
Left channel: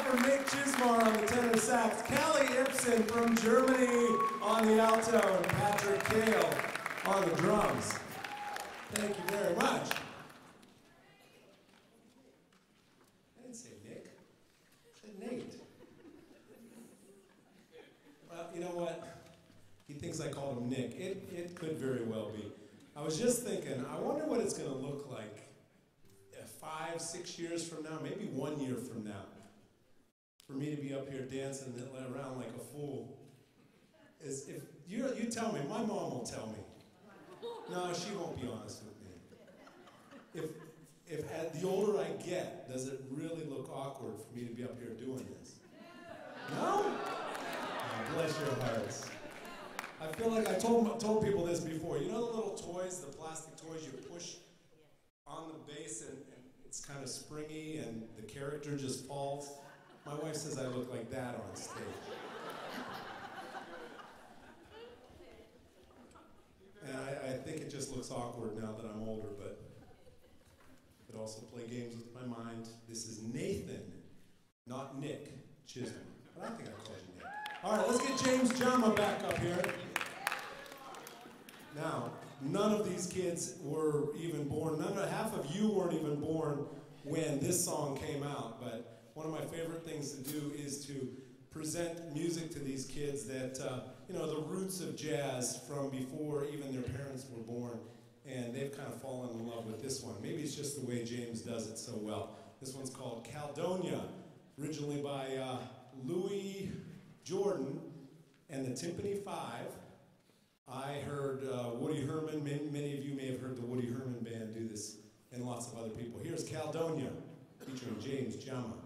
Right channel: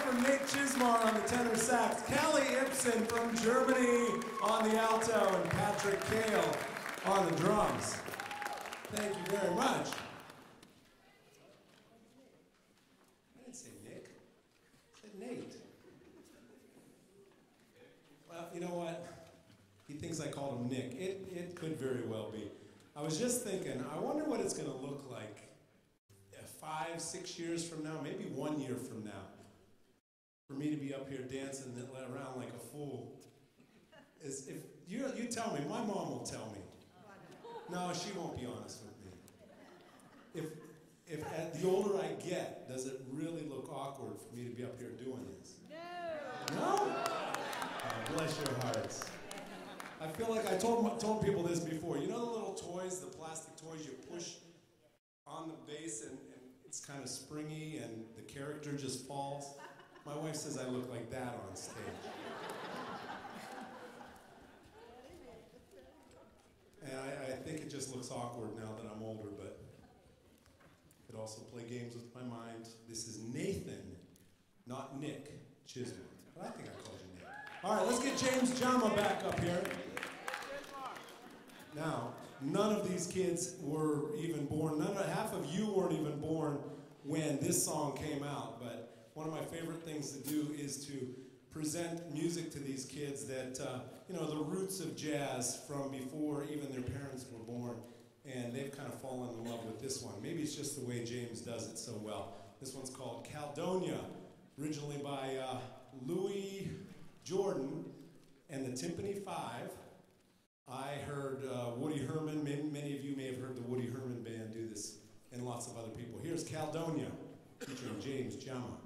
for Nate Chismar on the tenor sax, Kelly Ibsen from Germany on the alto, and Patrick Kale on the drums. Thank you very much. I didn't say Nick. I said Nate. Well, you know what? He thinks I called him Nick. It could very well be. I was just thinking, I wonder what it's going to look like 5, 6 years from now, maybe 1 year from now, for me to be up here dancing around like a fool. If you tell me, my mom will tell me. No, she won't be honest with me. If the older I get, does it really look awkward for me to be up here doing this? No? Oh, bless your hearts. I feel like I told people this before. You know the little toys, the plastic toys you push on the bass and it's kind of springy and the character just falls? My wife says I look like that on stage. And I think it just looks awkward now that I'm older, but I could also play games with my mind. This is Nathan, not Nick Chisholm. But I think I called you Nick. All right, let's get James Jama back up here. Now, none of these kids were even born, half of you weren't even born when this song came out, but one of my favorite things to do is to present music to these kids that, the roots of jazz from before even their parents were born, and they've kind of fallen in love with this one. Maybe it's just the way James does it so well. This one's called Caledonia, originally by Louis Jordan and the Timpani Five. I heard Woody Herman, many of you may have heard the Woody Herman Band do this, and lots of other people. Here's Caledonia, featuring James Jama.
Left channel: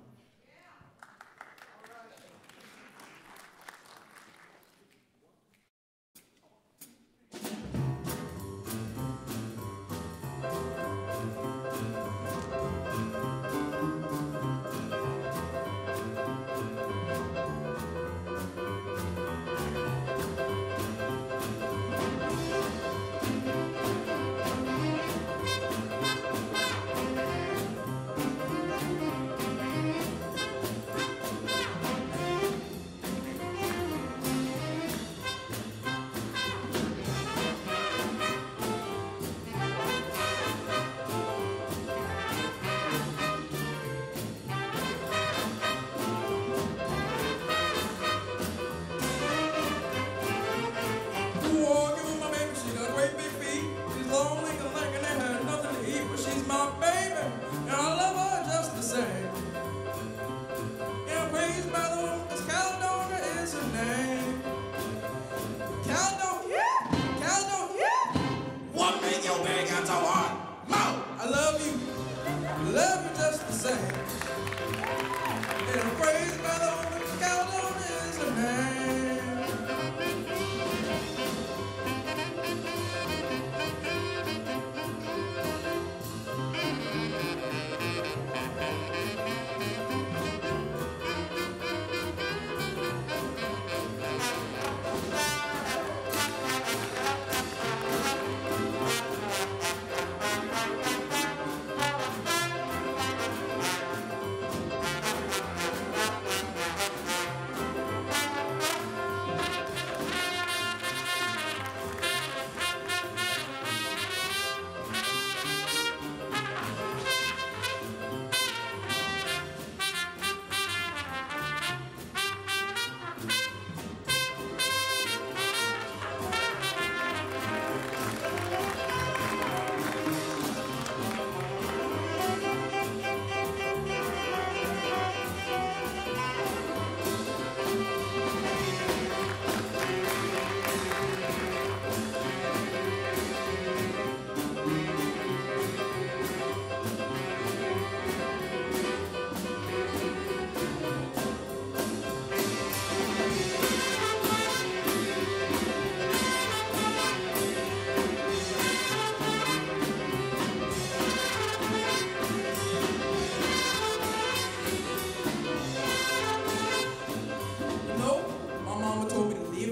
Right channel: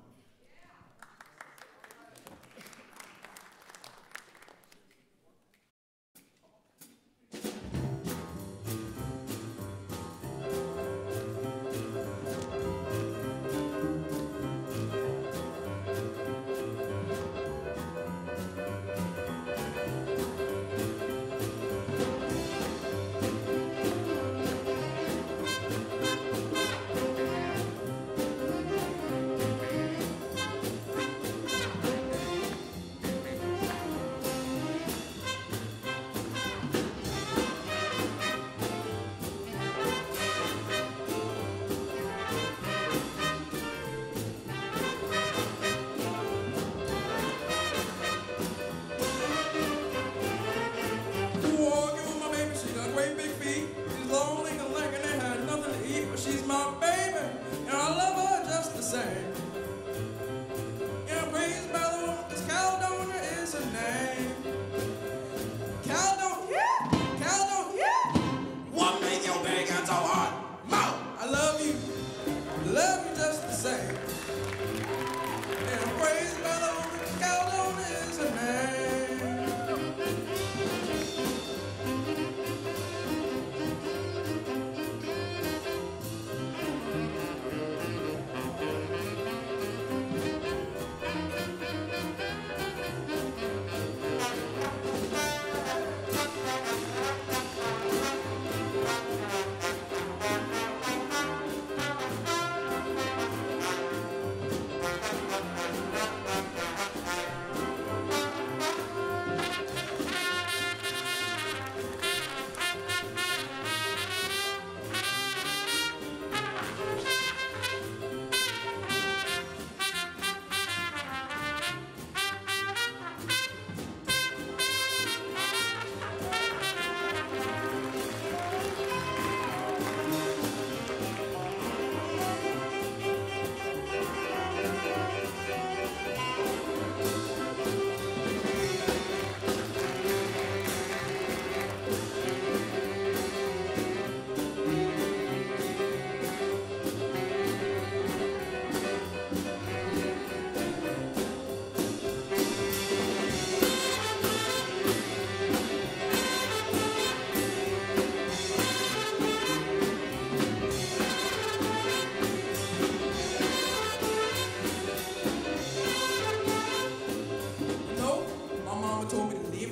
She's my baby, and I love her just the same. And I'm crazy by the woman, 'cause Caledonia is her name. Caledonia, Caledonia. What make your big and so hard? Mo, I love you just the same. And I'm crazy by the woman, 'cause Caledonia is her name.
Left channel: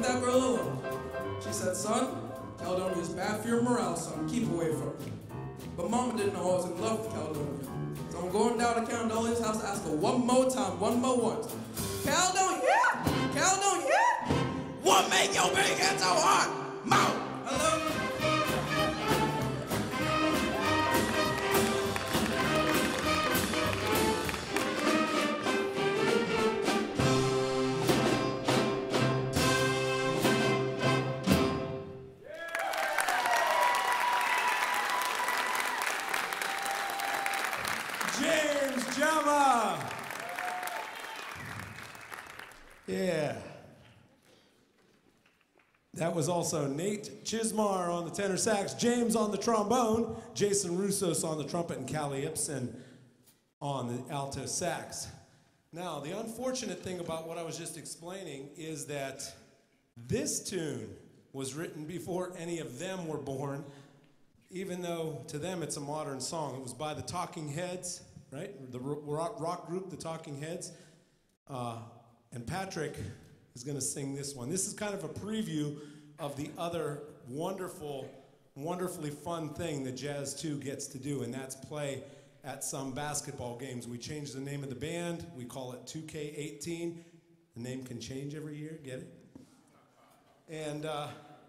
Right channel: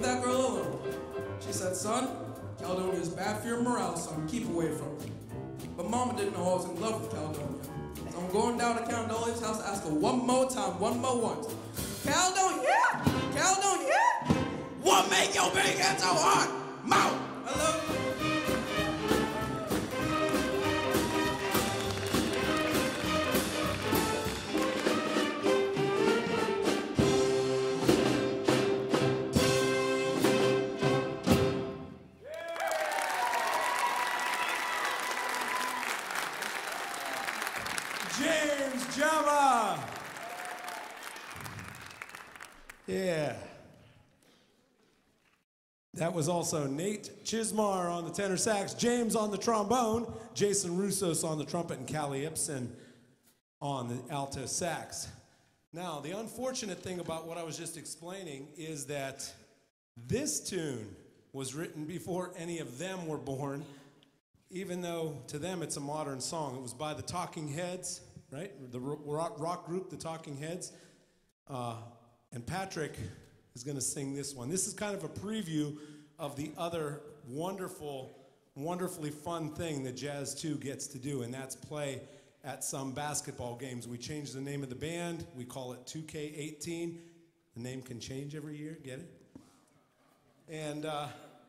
That girl alone. She said, son, Caledonia is bad for your morale, son. Keep away from it. But Mama didn't know I was in love with Caledonia. So So I'm going down to Caldolia's house to ask her one more time, one more once. Caledonia! Caledonia! What make your big head so hard? Mouth! Hello? James Jama. Yeah. That was also Nate Chismar on the tenor sax, James on the trombone, Jason Roussos on the trumpet, and Callie Ibsen on the alto sax. Now, the unfortunate thing about what I was just explaining is that this tune was written before any of them were born, even though to them it's a modern song. It was by the Talking Heads, right? The rock group, the Talking Heads. And Patrick is going to sing this one. This is kind of a preview of the other wonderfully fun thing that Jazz 2 gets to do, and that's play at some basketball games. We changed the name of the band. We call it 2K18. The name can change every year, get it? And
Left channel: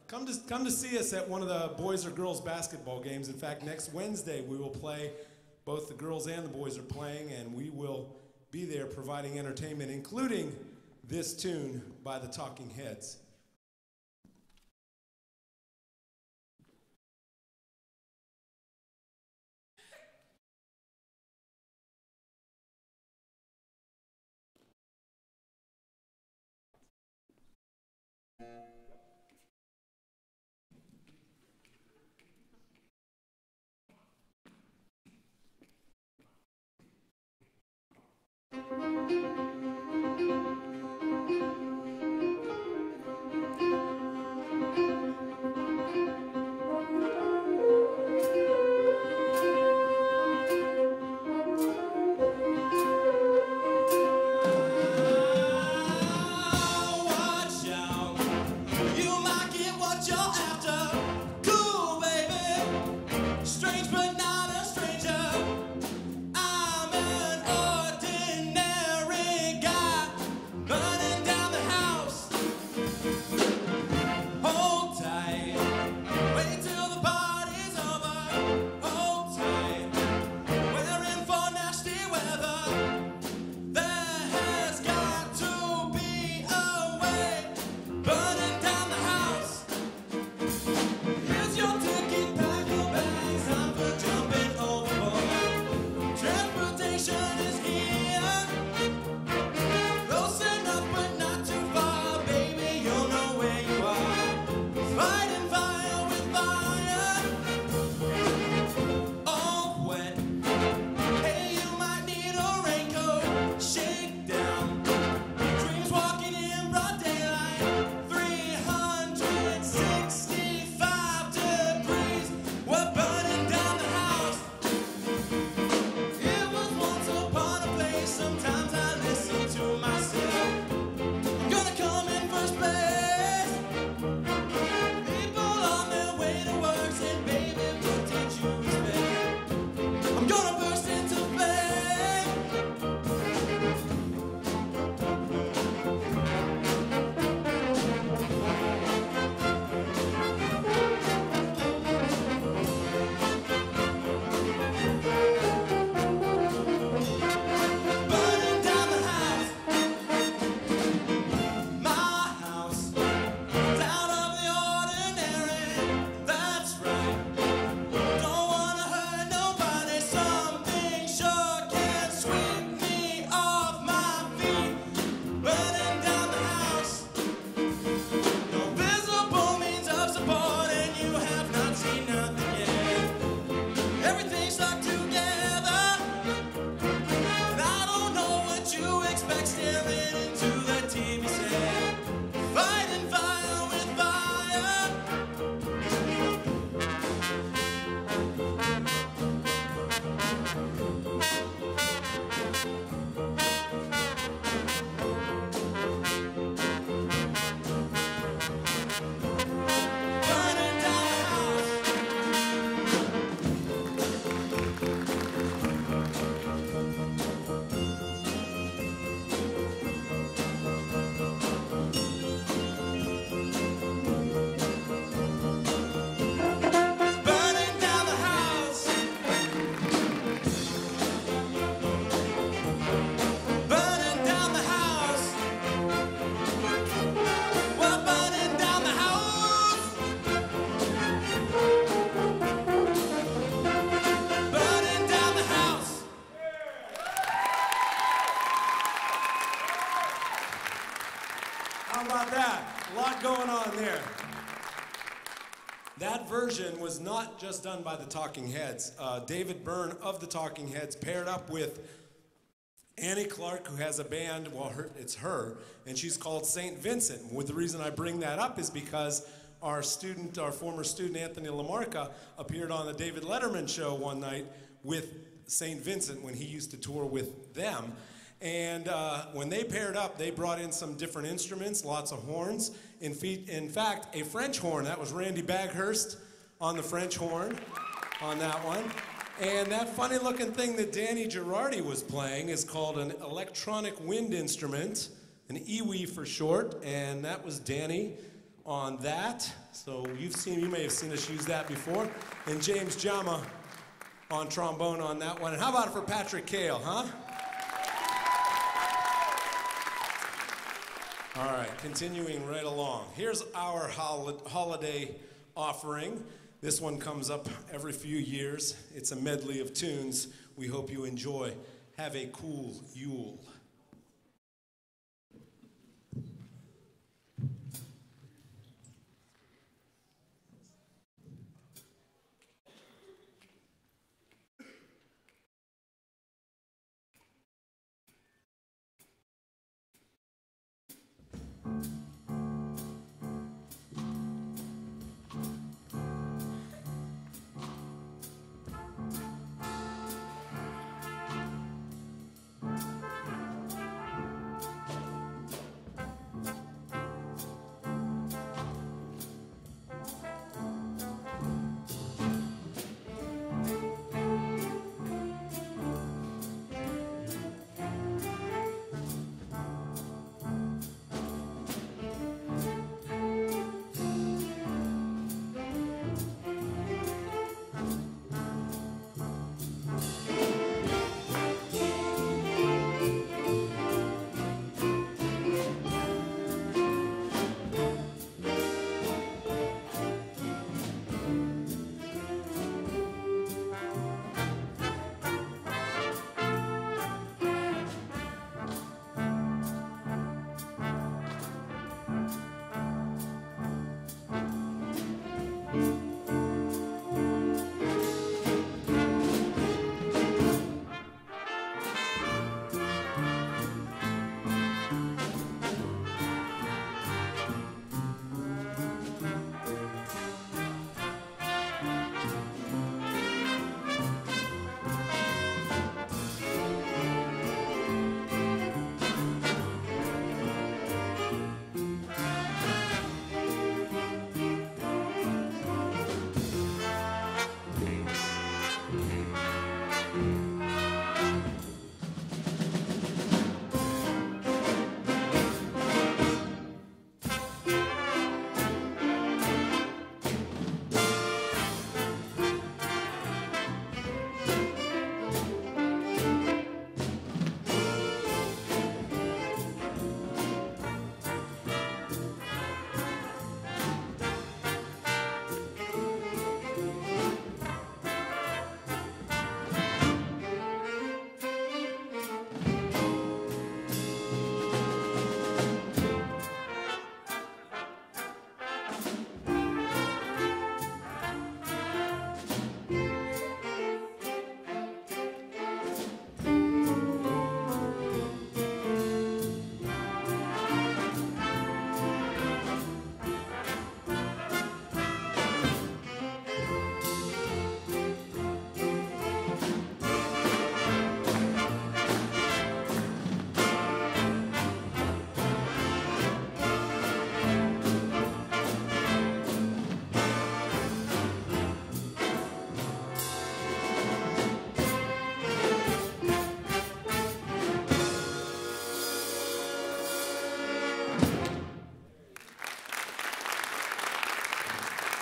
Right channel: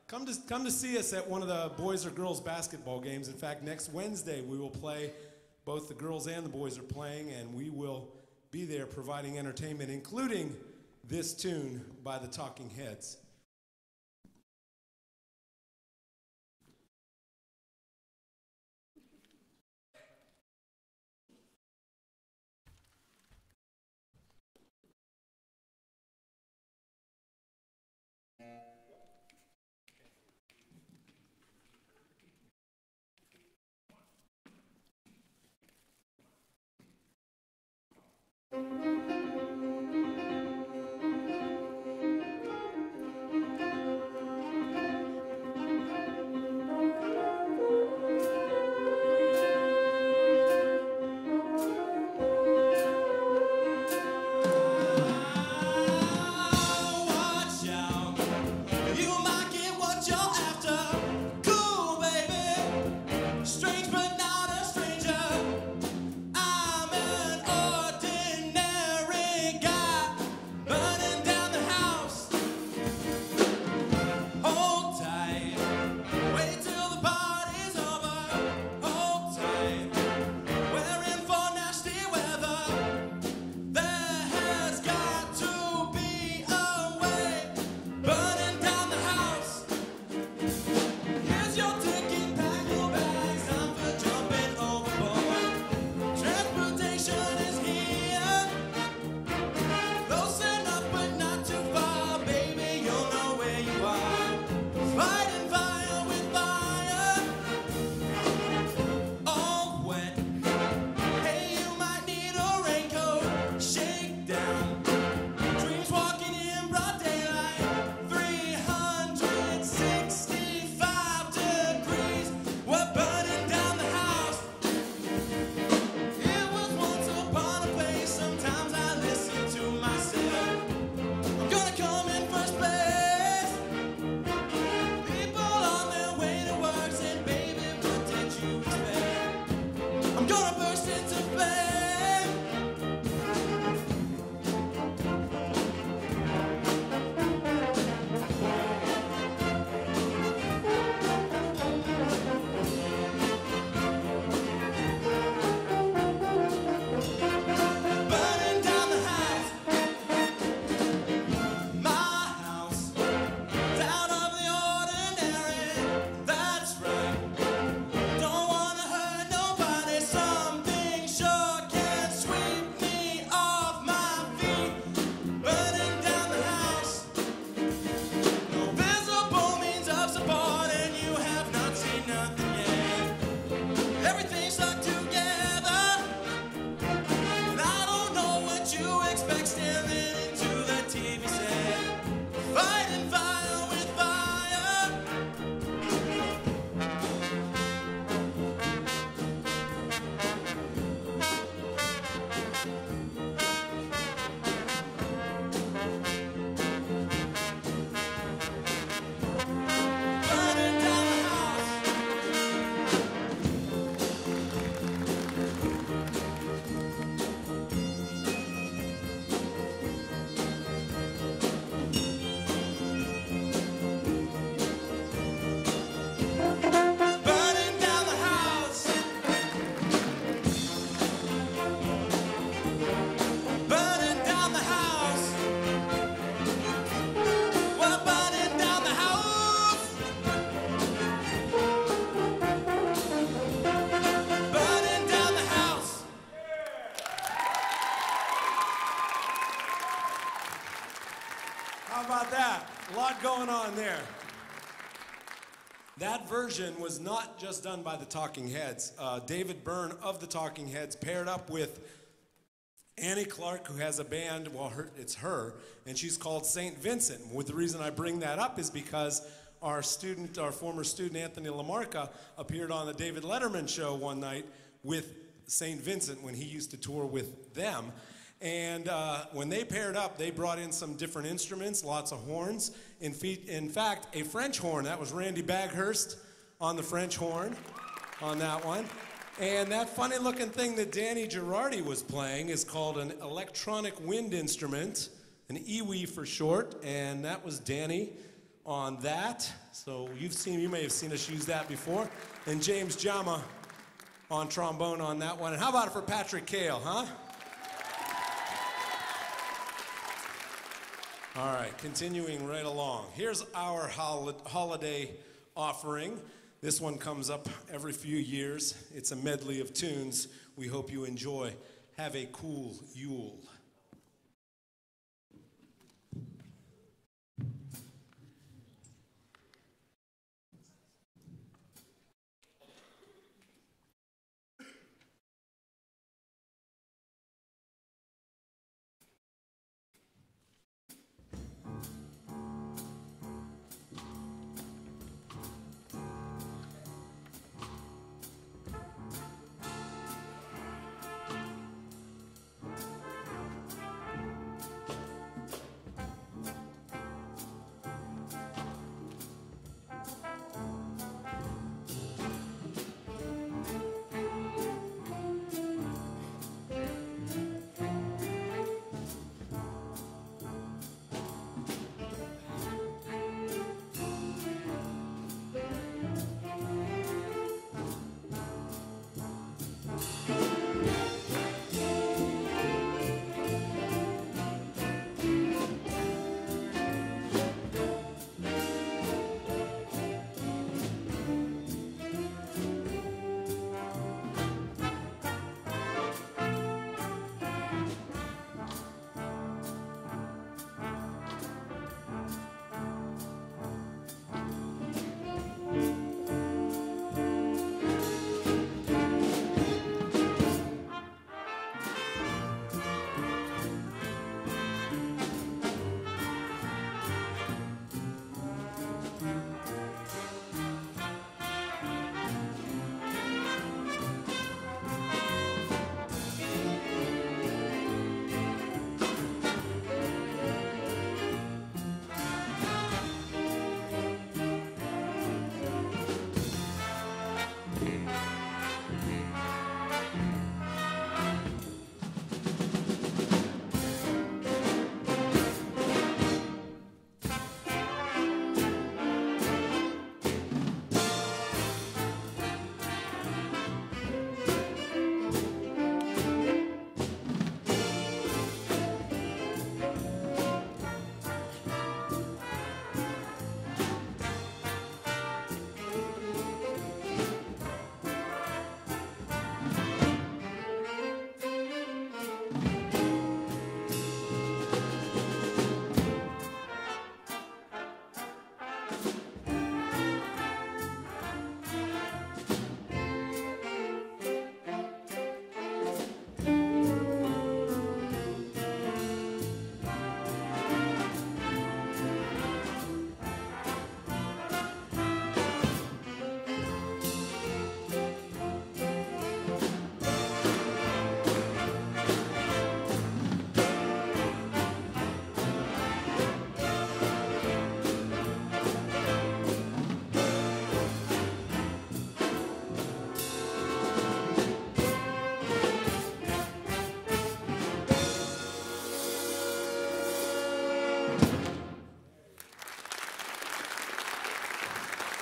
come to see us at one of the boys or girls basketball games. In fact, next Wednesday we will play. Both the girls and the boys are playing, and we will be there providing entertainment, including this tune by the Talking Heads. How about that? A lot going on there. That version was not just done by the Talking Heads. David Byrne of the Talking Heads paired up with Annie Clark, who has a band, well, it's her, and she's called St. Vincent. The reason I bring that up is because our former student, Anthony LaMarca, appeared on the David Letterman show one night with St. Vincent when he used to tour with them. And when they paired up, they brought in some different instruments, lots of horns. In fact, a French horn. That was Randy Baghurst on the French horn on that one. And that funny-looking thing that Danny Girardi was playing is called an electronic wind instrument, an EWI for short, and that was Danny on that. So you may have seen us use that before. And James Jama on trombone on that one. And how about it for Patrick Cale, huh? All right, continuing right along. Here's our holiday offering. This one comes up every few years. It's a medley of tunes we hope you enjoy. Have a cool Yule.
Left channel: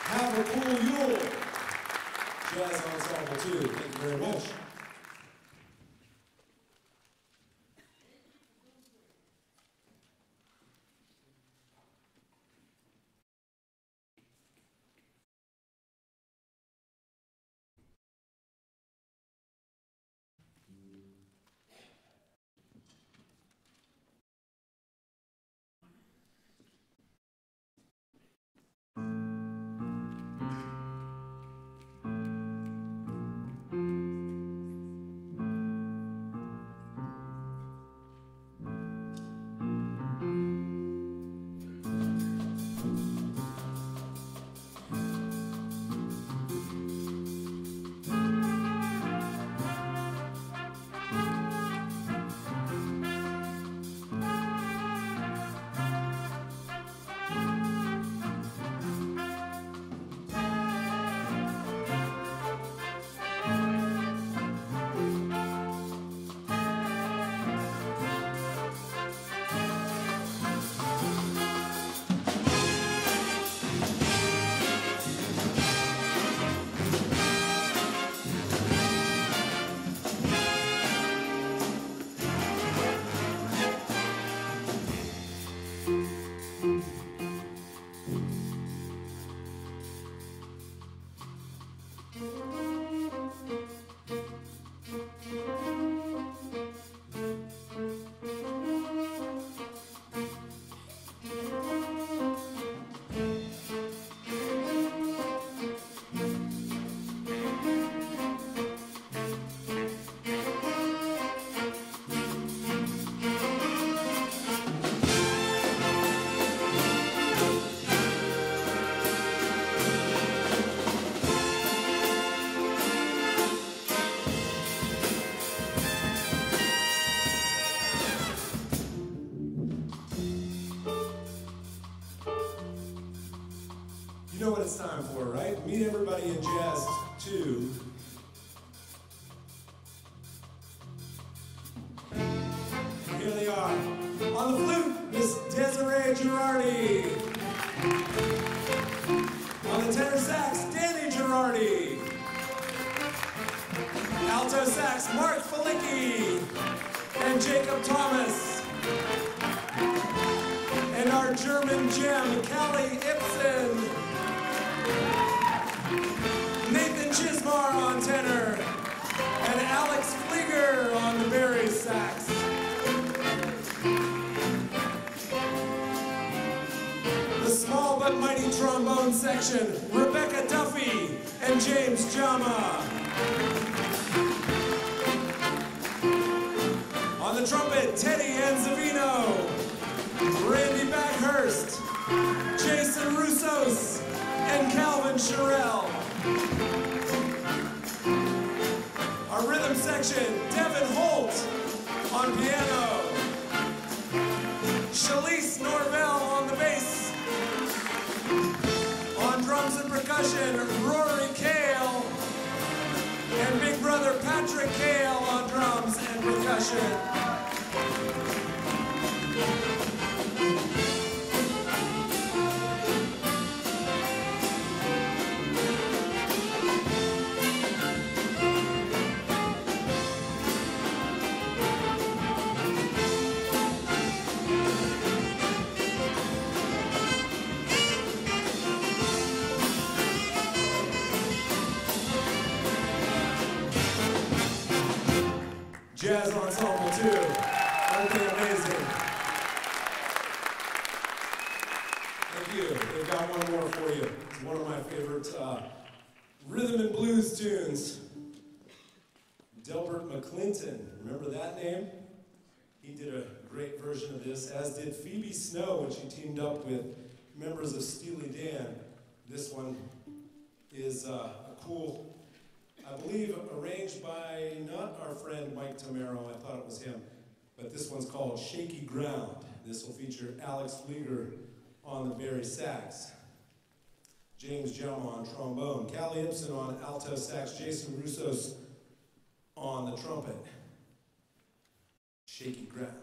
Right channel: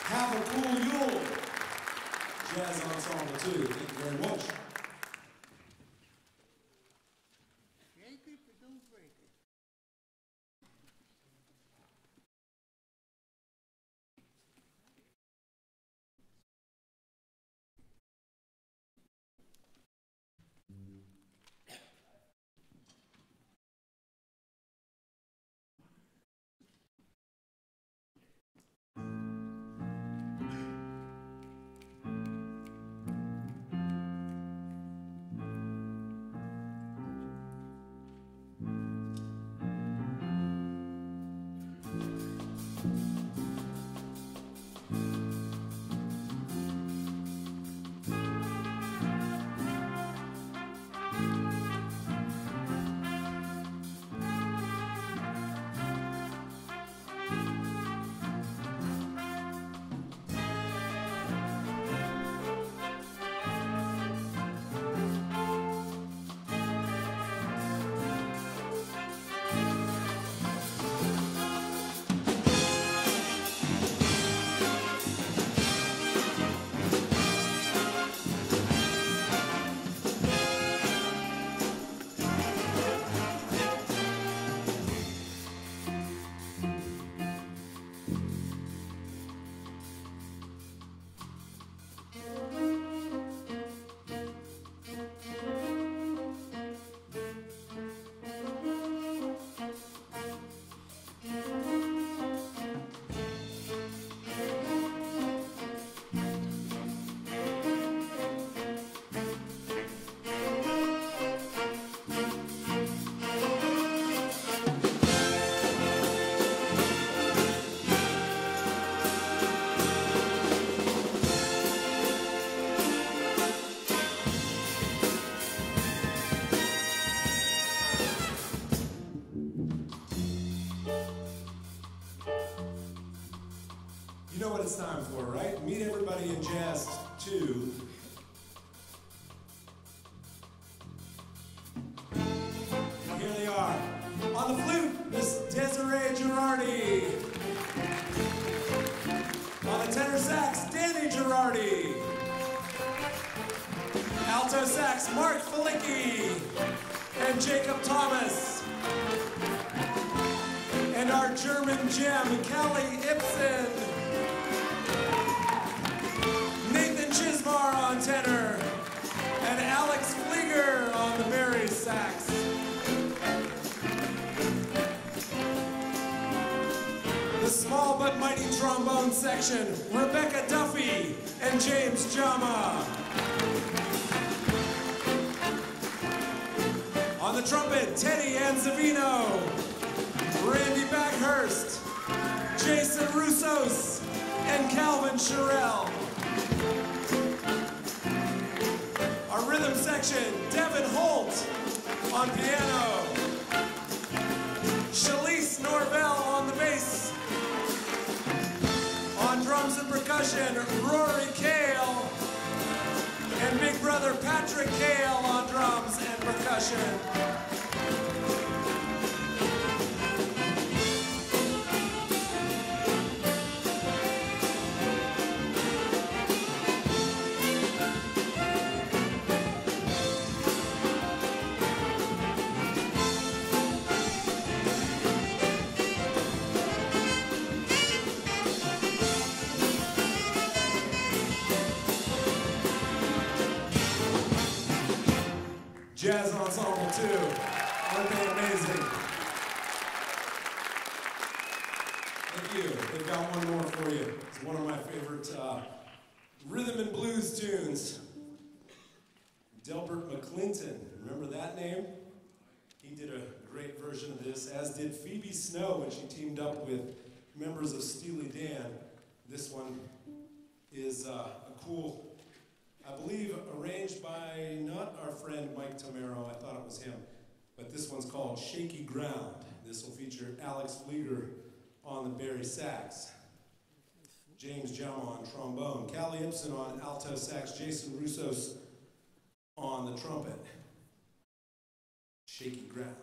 Have a cool Yule. Jazz Ensemble, too. Thank you very much. You know what it's time for, right? Meet everybody in Jazz 2. And here they are. On the flute, Miss Desiree Girardi. On the tenor sax, Danny Girardi. Alto sax, Mark Felicki and Jacob Thomas. And our German gem, Callie Ibsen. Nathan Chismar on tenor, and Alex Flieger on the Barry sax. The small but mighty trombone section, Rebecca Duffy and James Jama. On the trumpet, Teddy Anzavino, Randy Backhurst, Jason Roussos, and Calvin Sherrill. Our rhythm section, Devin Holt on piano, Shalise Norvell on the bass, on drums and percussion, Rory Kale, and big brother Patrick Kale on drums and percussion. Jazz Ensemble 2. Aren't they amazing? Thank you. They've got one more for you. It's one of my favorite rhythm and blues tunes. Delbert McClinton. Remember that name? He did a great version of this, as did Phoebe Snow when she teamed up with members of Steely Dan. This one is a cool, I believe, arranged by not our friend Mike Tamaro, I thought it was him, but this one's called Shaky Ground. This will feature Alex Flieger on the Barry sax, James Jama on trombone, Callie Ibsen on alto sax, Jason Roussos on the trumpet. Shaky Ground.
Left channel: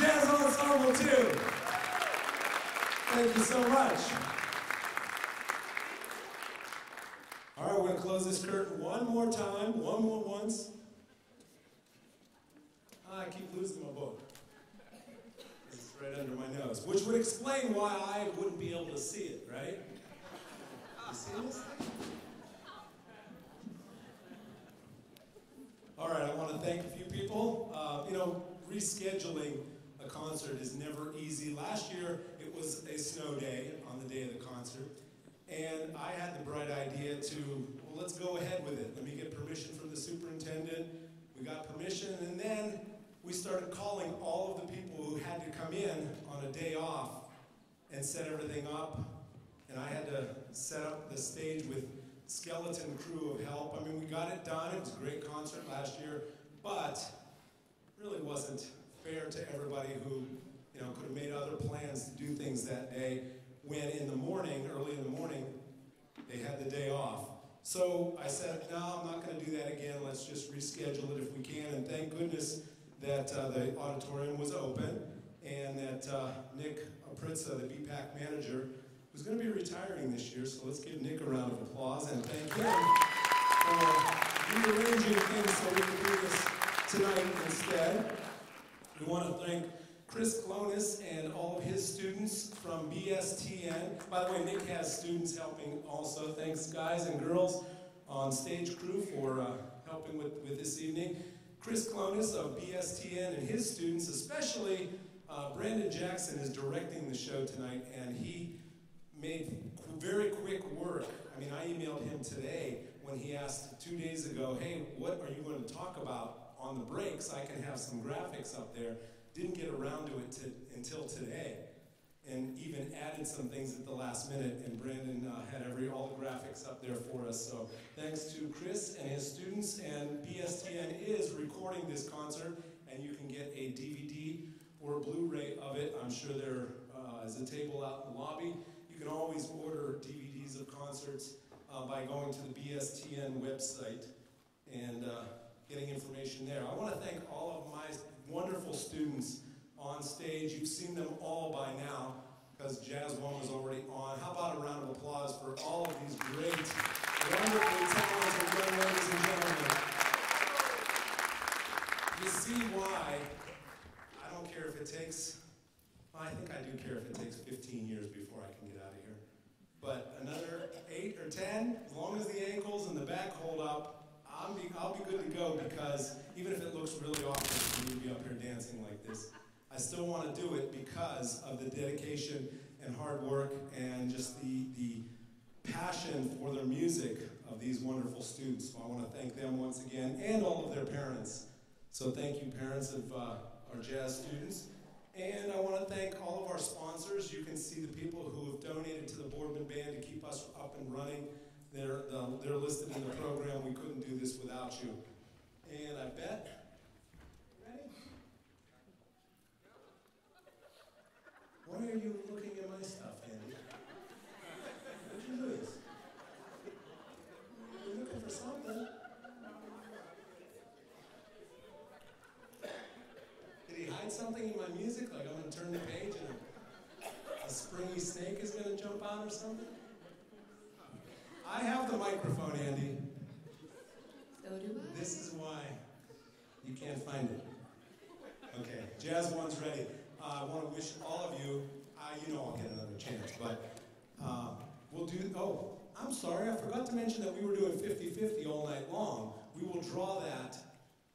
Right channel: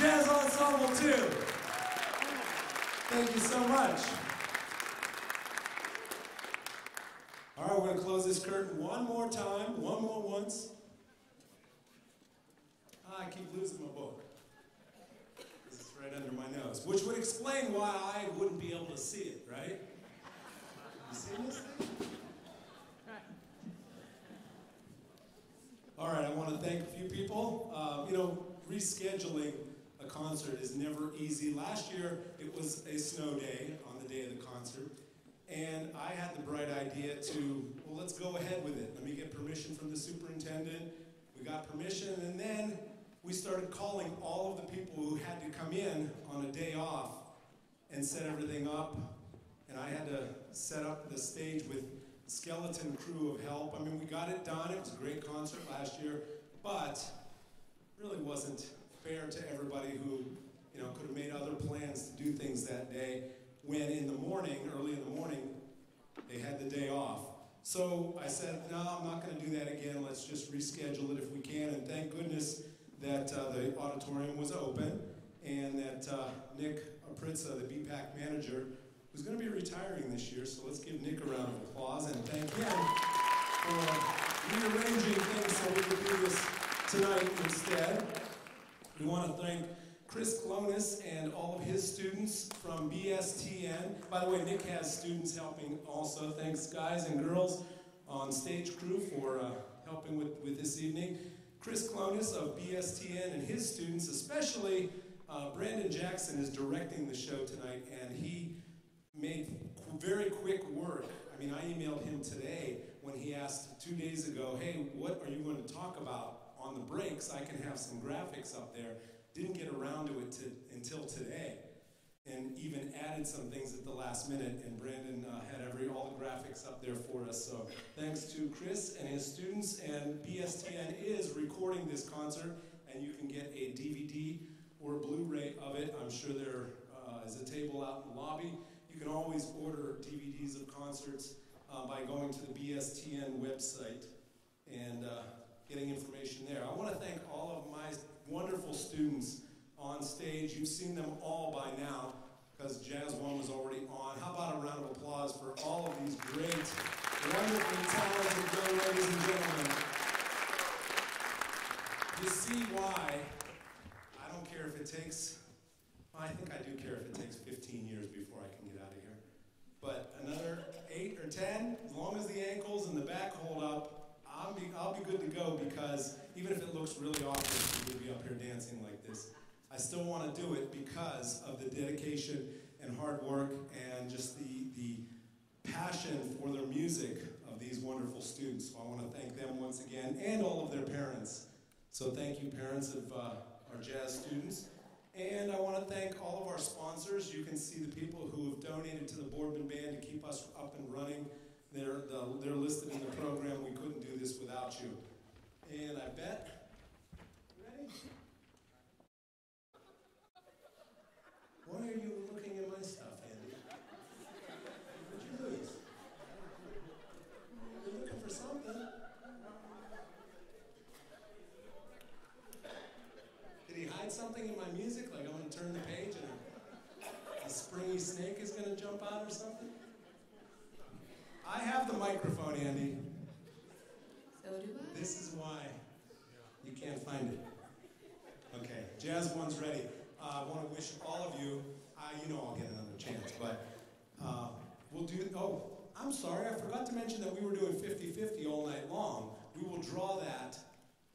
Jazz Ensemble 2. Thank you so much. All right, we're going to close this curtain one more time, once. I keep losing my book. This is right under my nose, which would explain why I wouldn't be able to see it, right? You see this thing? All right, I want to thank a few people. Rescheduling a concert is never easy. Last year, it was a snow day on the day of the concert. And I had the bright idea to, well, let's go ahead with it. Let me get permission from the superintendent. We got permission, and then we started calling all of the people who had to come in on a day off and set everything up. And I had to set up the stage with skeleton crew of help. I mean, we got it done. It was a great concert last year, but really wasn't fair to everybody who, could have made other plans to do things that day when early in the morning, they had the day off. So I said, no, I'm not going to do that again. Let's just reschedule it if we can. And thank goodness that the auditorium was open and that Nick Apritza, the BPAC manager, who's going to be retiring this year. So let's give Nick a round of applause and thank him for rearranging things so we can do this tonight instead. We want to thank Chris Clonis and all of his students from BSTN. By the way, Nick has students helping also. Thanks, guys and girls on stage crew for helping with this evening. Chris Clonis of BSTN and his students, especially Brandon Jackson, is directing the show tonight, and he made very quick work. I mean, I emailed him today when he asked 2 days ago, hey, what are you going to talk about on the breaks? I can have some graphics up there. Didn't get around to it until today, and even added some things at the last minute, and Brandon had all the graphics up there for us. So thanks to Chris and his students, and BSTN is recording this concert, and you can get a DVD or a Blu-ray of it. I'm sure there is a table out in the lobby. You can always order DVDs of concerts by going to the BSTN website and getting information there. I want to thank all of my wonderful students on stage. You've seen them all by now because Jazz 1 was already on. How about a round of applause for all of these great, wonderfully talented young ladies and gentlemen. You see why I don't care if it takes, well, I think I do care if it takes 15 years before I can get out of here. But another 8 or 10, as long as the ankles and the back hold up, I'll be good to go, because even if it looks really awkward for me to be up here dancing like this, I still want to do it because of the dedication and hard work and just the passion for their music of these wonderful students. So I want to thank them once again, and all of their parents. So thank you, parents of our jazz students. And I want to thank all of our sponsors. You can see the people who have donated to the Boardman Band to keep us up and running. They're listed in the program. We couldn't do this without you. And I bet, ready? Why are you looking at my stuff, Andy? What'd you lose? You're looking for something. Did he hide something in my music? Like I'm going to turn the page and a springy snake is going to jump out or something? I have the microphone, Andy. So do I. This is why you can't find it. Okay, Jazz 1's ready. I want to wish all of you, I'll get another chance, but we'll do, I'm sorry, I forgot to mention that we were doing 50-50 all night long. We will draw that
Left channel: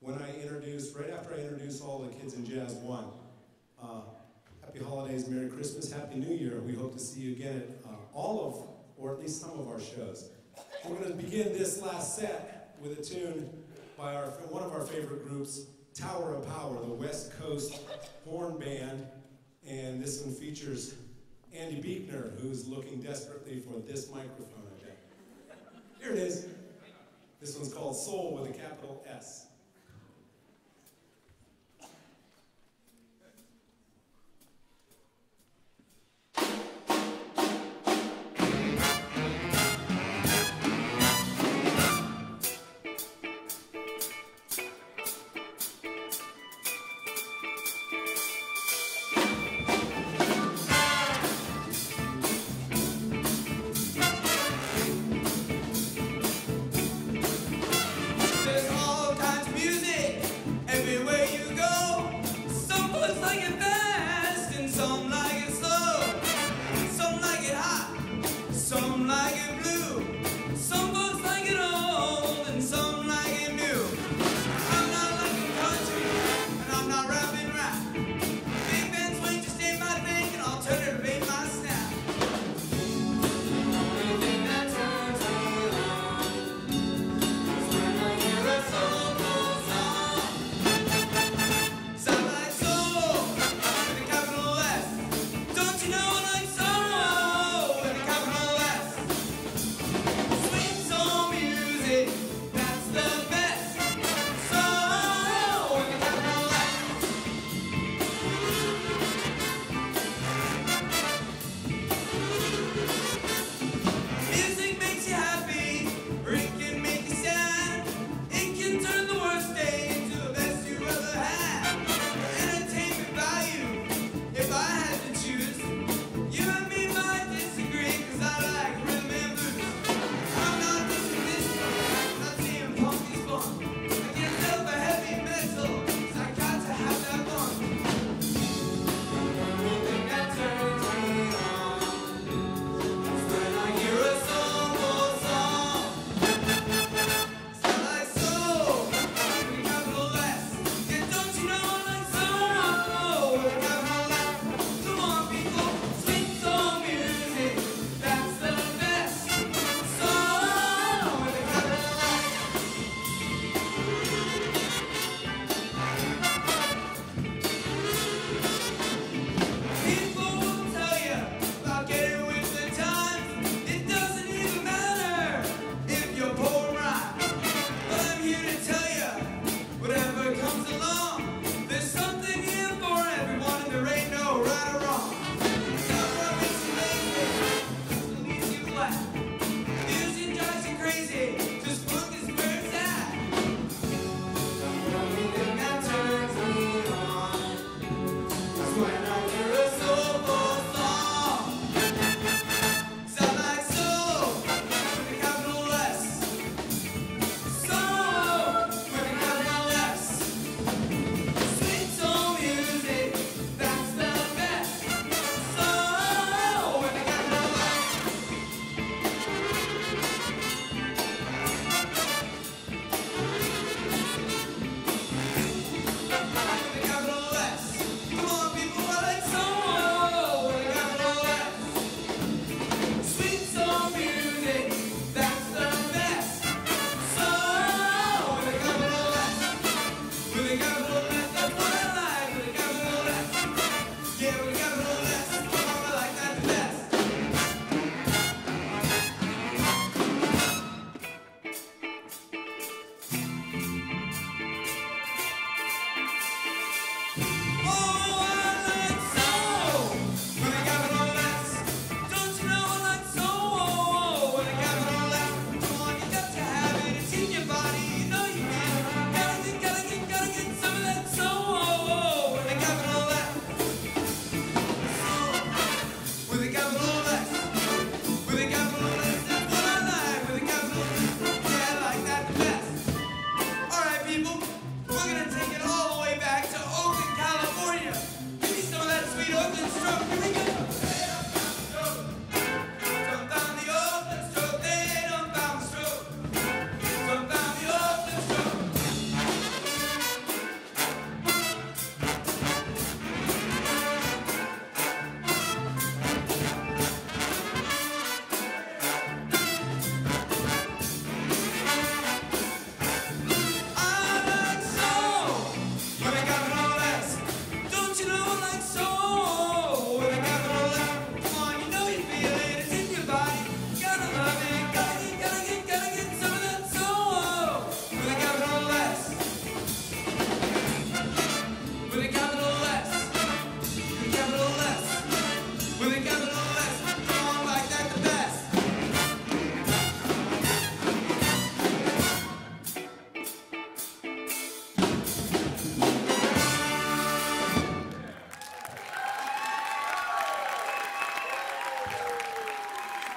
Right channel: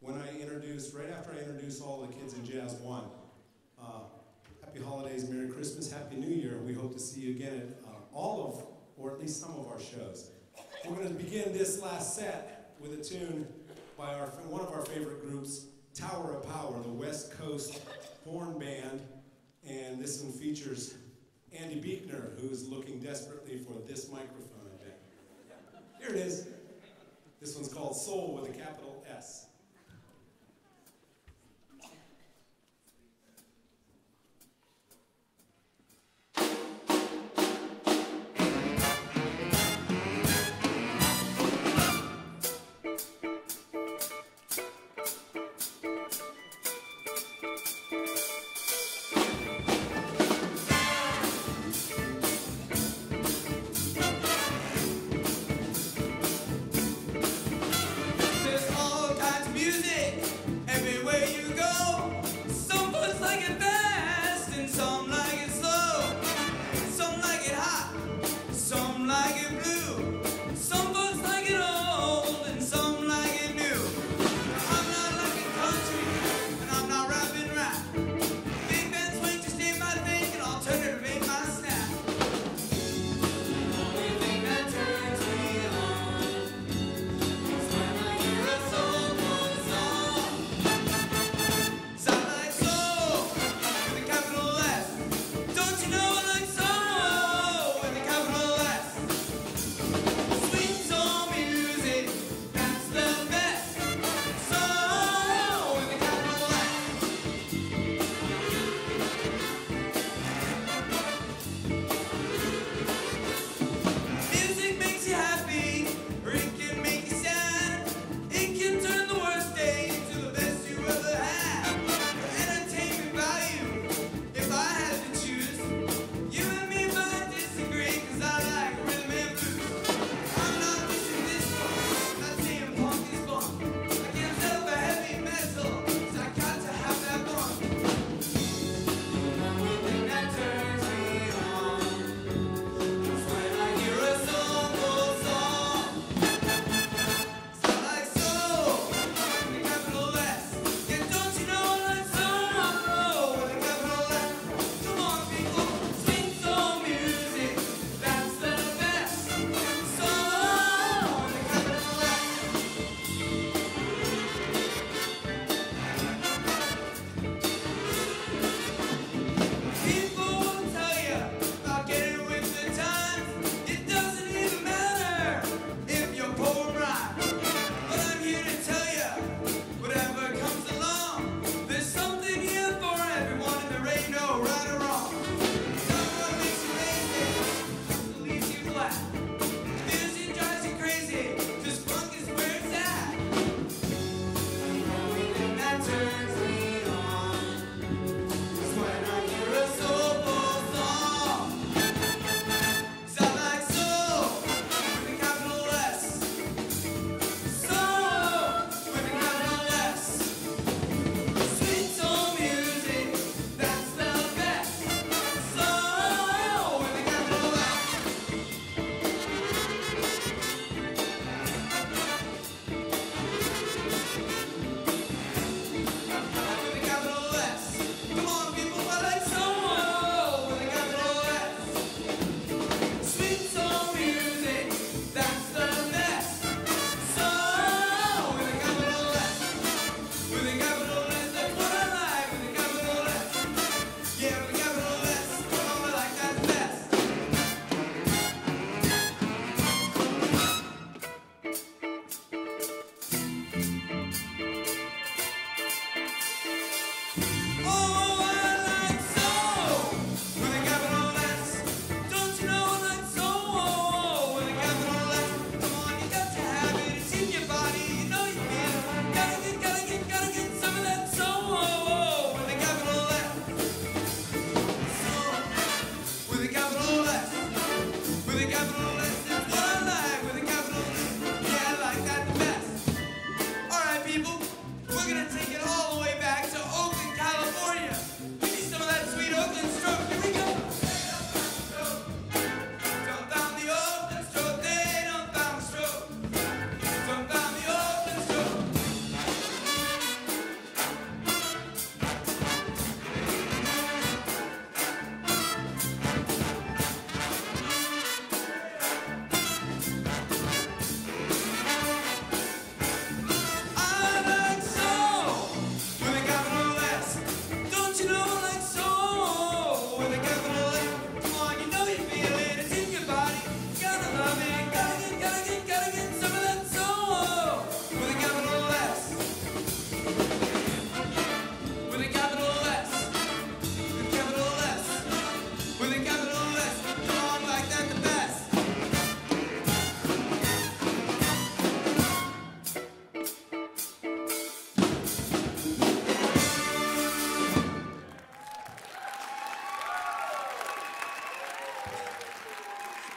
when right after I introduce all the kids in Jazz 1. Happy holidays, Merry Christmas, Happy New Year. We hope to see you again at or at least some of our shows. We're going to begin this last set with a tune by one of our favorite groups, Tower of Power, the West Coast horn band. And this one features Andy Beekner, who's looking desperately for this microphone, I bet. Here it is. This one's called Soul with a capital S.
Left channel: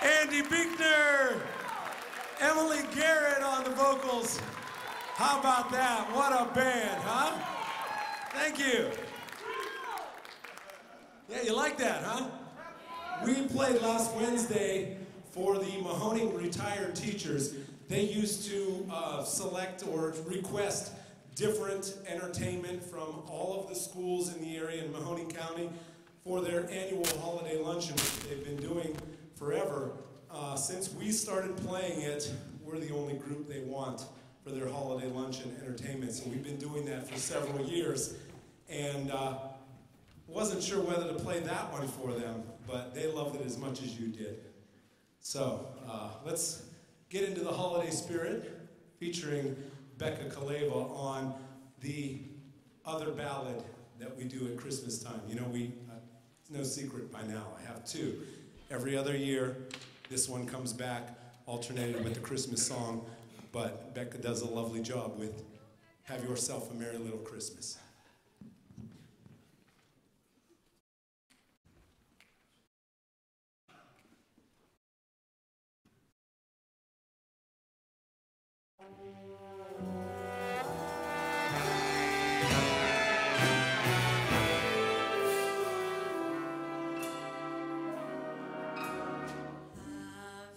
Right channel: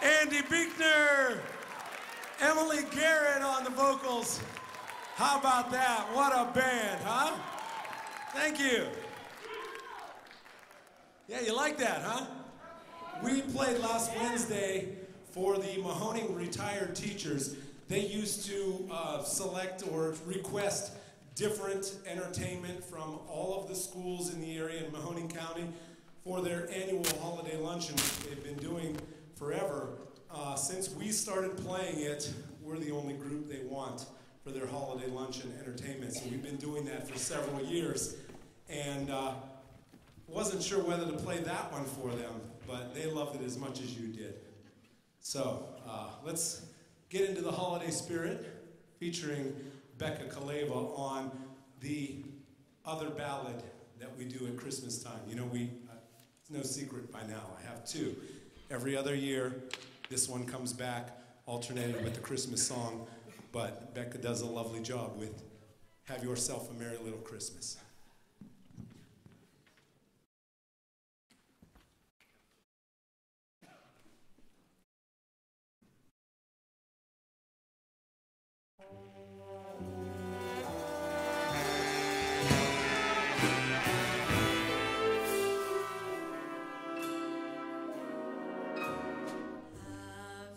Andy Biechner, Emily Garrett on the vocals. How about that? What a band, huh? Thank you. Yeah, you like that, huh? We played last Wednesday for the Mahoning retired teachers. They used to select or request different entertainment from all of the schools in the area in Mahoning County for their annual holiday luncheon, which they've been doing forever. Since we started playing it, we're the only group they want for their holiday luncheon entertainment. So we've been doing that for several years, and wasn't sure whether to play that one for them, but they loved it as much as you did. So let's get into the holiday spirit, featuring Becca Kaleva on the other ballad that we do at Christmas time. You know, it's no secret by now, I have two. Every other year, this one comes back, alternated with the Christmas song, but Becca does a lovely job with Have Yourself a Merry Little Christmas.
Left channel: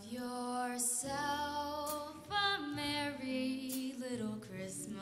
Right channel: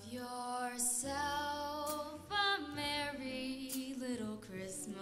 Yourself a merry little Christmas.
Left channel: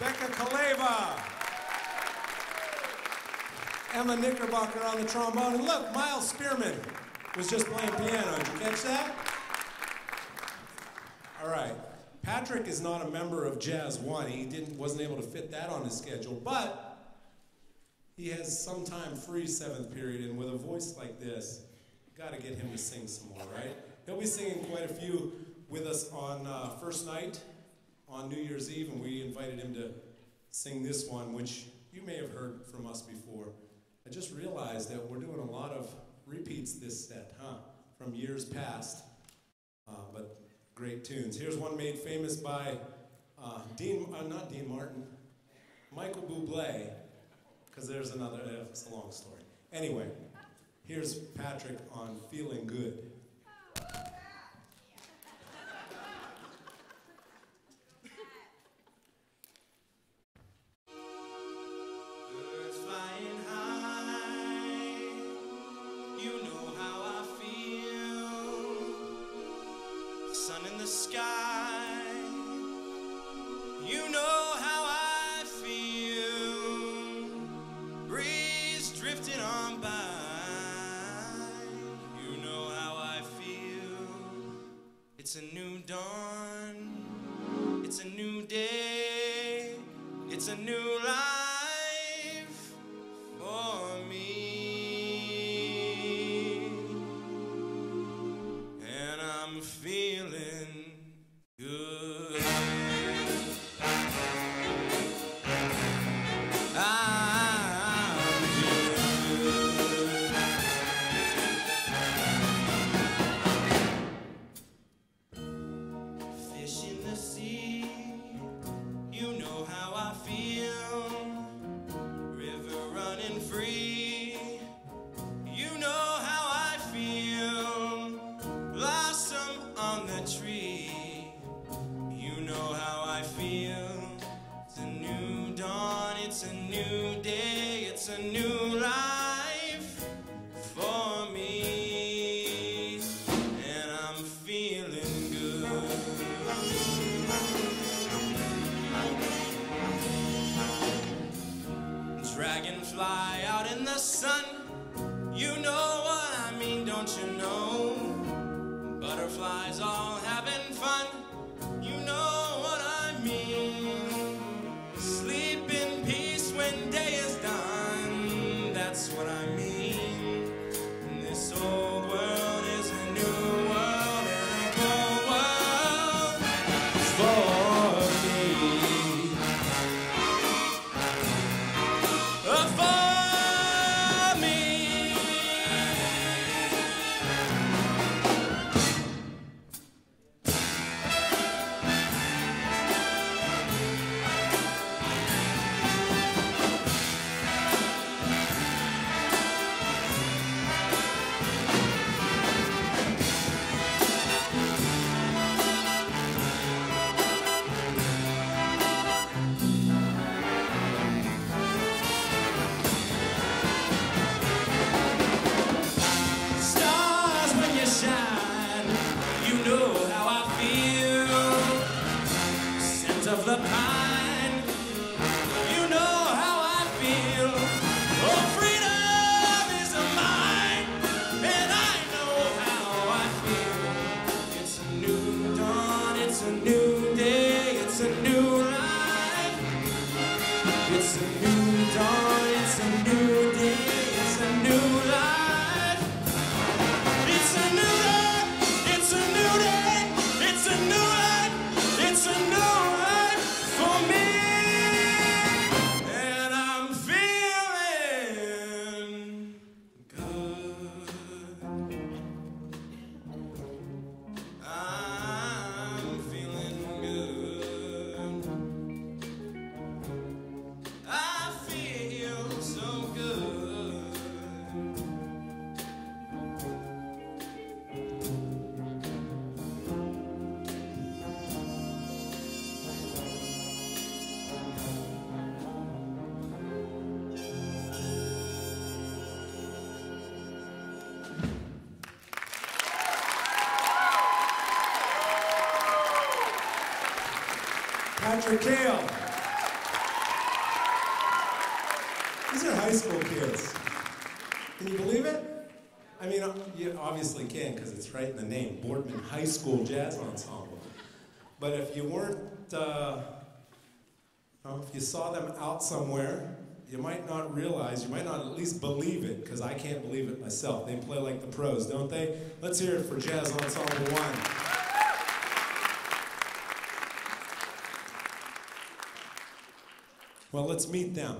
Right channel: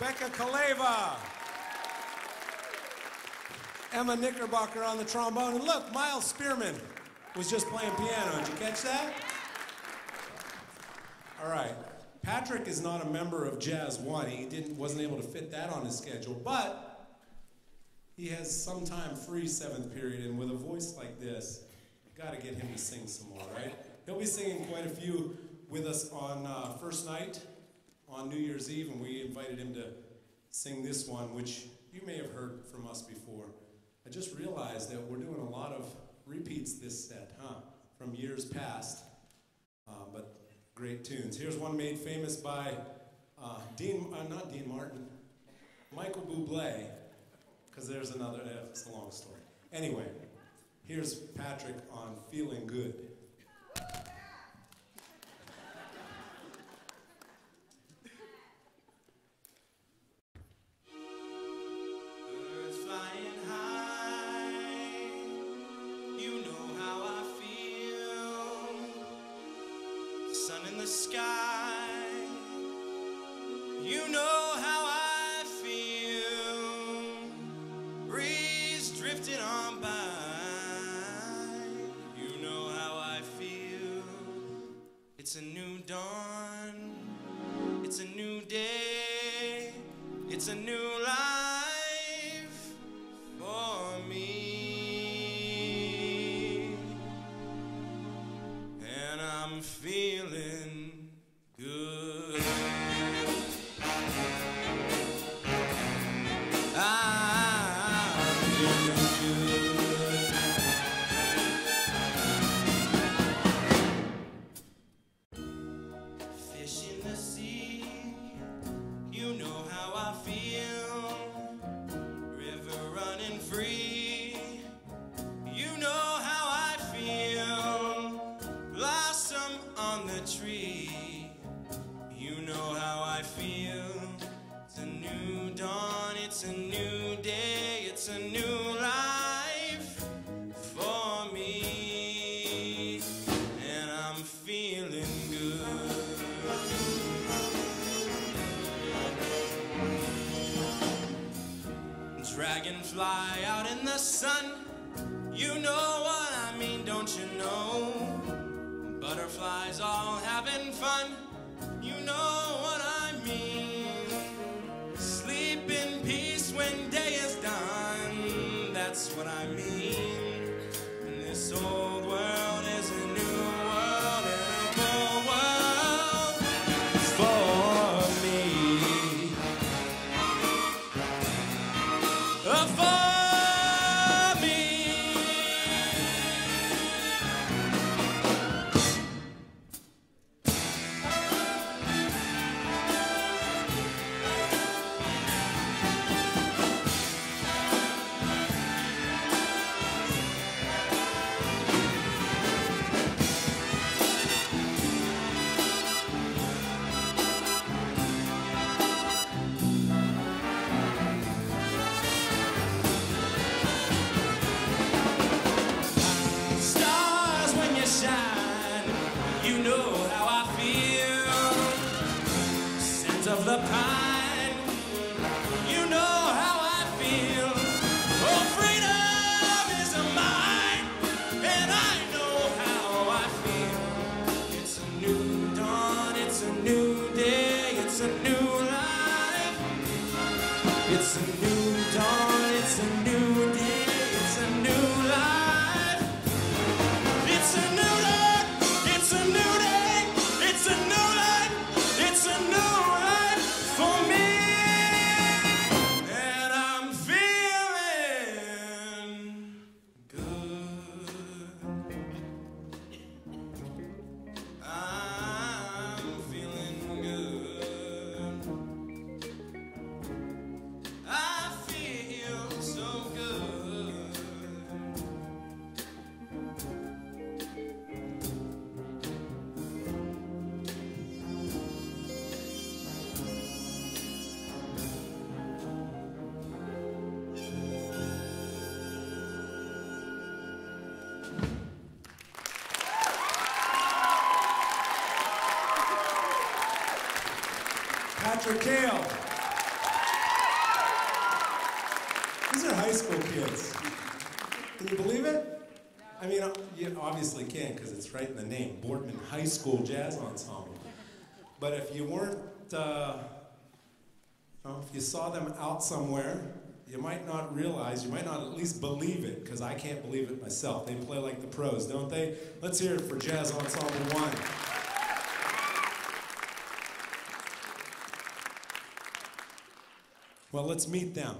Becca Kaleva. Emma Knickerbocker on the trombone. And look, Miles Spearman was just playing piano. Did you catch that? All right. Patrick is not a member of Jazz One. He wasn't able to fit that on his schedule, but he has some time free seventh period, and with a voice like this, got to get him to sing some more, right? He'll be singing quite a few with us on first night on New Year's Eve, and we invited him to sing this one, which you may have heard from us before. I just realized that we're doing a lot of repeats this set, from years past, but great tunes. Here's one made famous by not Dean Martin, Michael Bublé, because there's another, it's a long story. Anyway, here's Patrick on Feeling Good. In the sky, you know how I feel. Breeze drifting on by, you know how I feel. It's a new dawn, it's a new day, it's a new life for me, and I'm feeling good. I'm feeling good. Fish in the sea, you know how I feel. River running free, you know how I feel. Blossom on the tree, you know how I feel. It's a new dawn, it's a new day, it's a new life for me, and I'm feeling good. Dragonfly out in the sun, you know what I mean, don't you know? Butterflies all having fun, you know what I mean. Sleep in peace when day is done, that's what I mean. And this old world is a new world and a bold world for me. Shine, you know how I feel. Scent of the pine, you know how I feel. Oh, freedom is mine, and I know how I feel. It's a new dawn, it's a new day, it's a new life. It's a new dawn, it's a new day, it's a new life. It's a new day, it's a new day, it's a new life, it's a new life for me, and I'm feeling good. I'm feeling good. I feel so good. Patrick Kale. These are high school kids. Can you believe it? I mean, you obviously can because it's right in the name, Boardman High School Jazz Ensemble. But if you weren't, if you saw them out somewhere, you might not realize, you might not at least believe it, because I can't believe it myself. They play like the pros, don't they? Let's hear it for Jazz Ensemble 1. Well, let's meet them.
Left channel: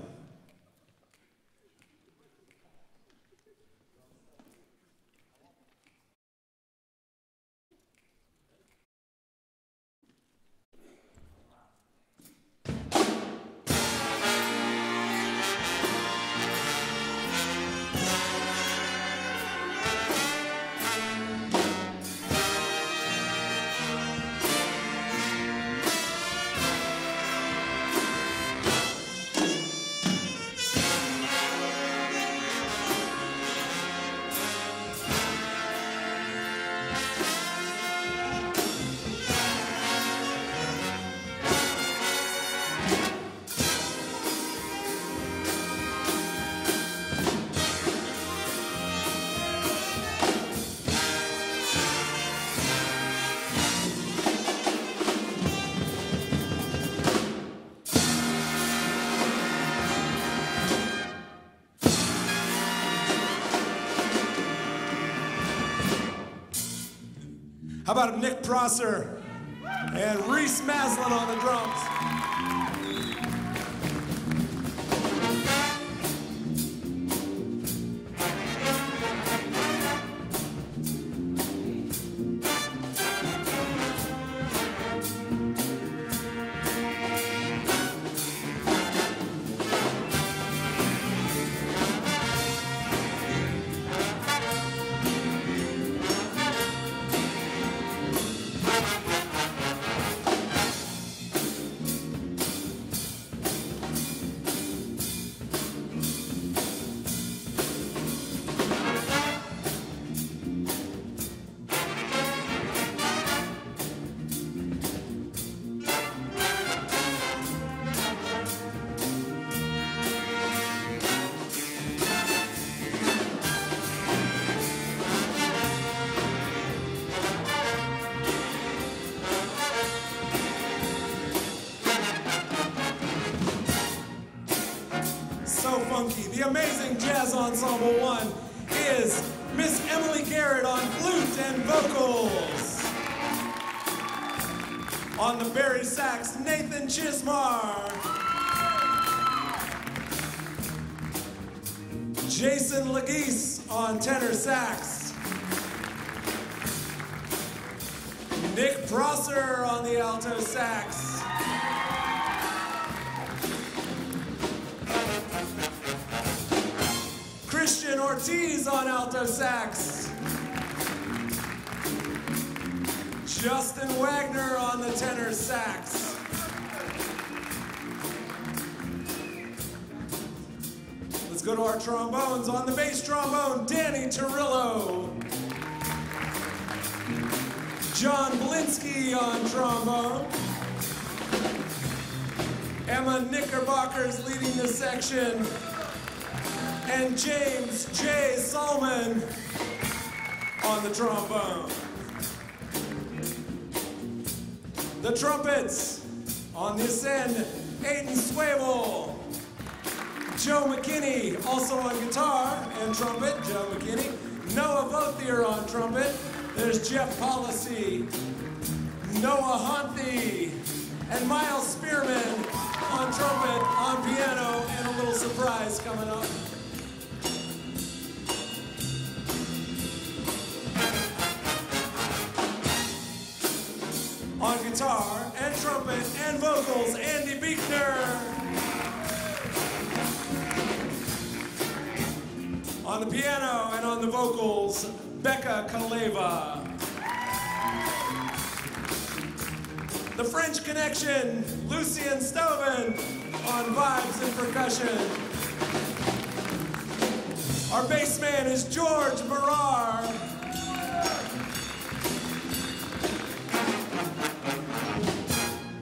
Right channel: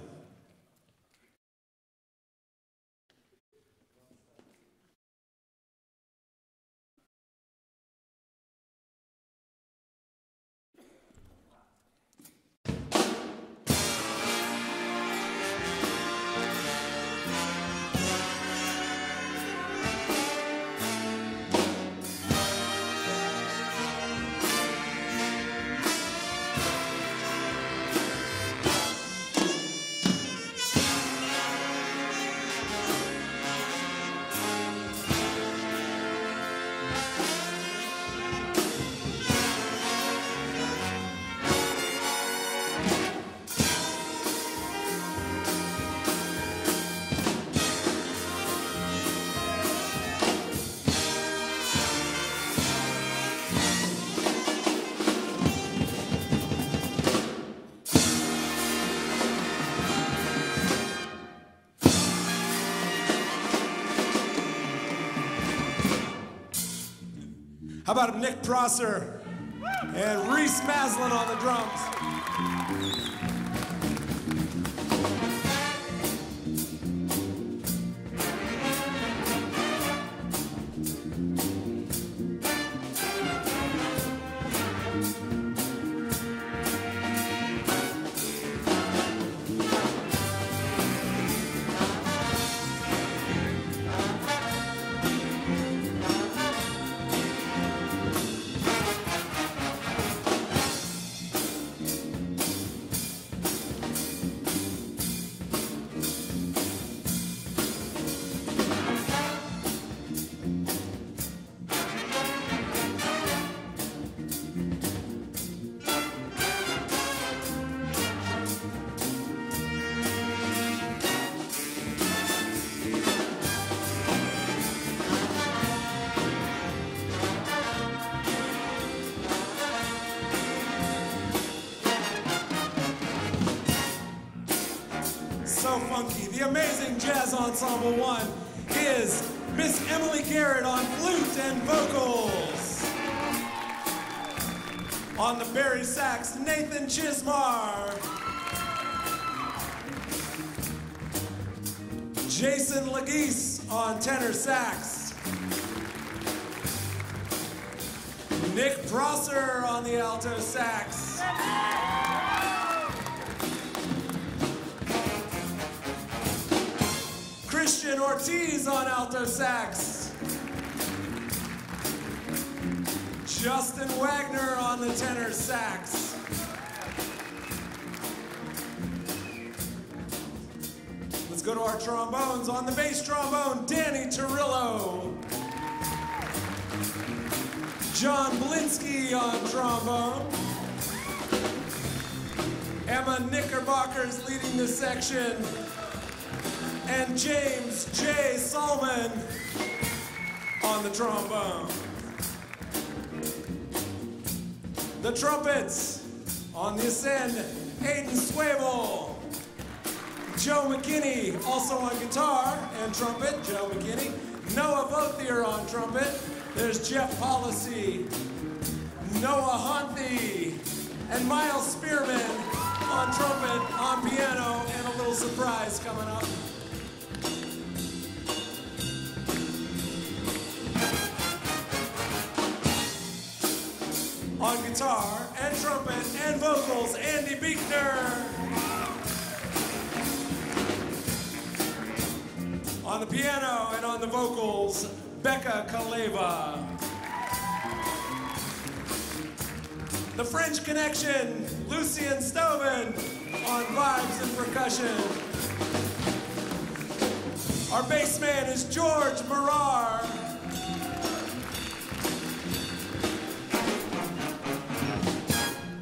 How about Nick Prosser and Reese Maslin on the drums? So funky. The amazing Jazz Ensemble 1 is Miss Emily Garrett on flute and vocals. On the Barry sax, Nathan Chismar. Jason Legis on tenor sax. Nick Prosser on the alto sax. Christian Ortiz on alto sax. Justin Wagner on the tenor sax. Let's go to our trombones. On the bass trombone, Danny Torillo. John Blinsky on trombone. Emma Knickerbocker's leading the section. And James J. Solomon on the trombone. The trumpets on the ascend, Aiden Swable. Joe McKinney also on guitar and trumpet, Joe McKinney. Noah Vothier on trumpet. There's Jeff Policy, Noah Honthi, and Miles Spearman on trumpet, on piano, and a little surprise coming up. On guitar and trumpet and vocals, Andy Beekner. On the piano and on the vocals, Becca Kaleva. The French Connection, Lucien Stoven on vibes and percussion. Our bass man is George Marar.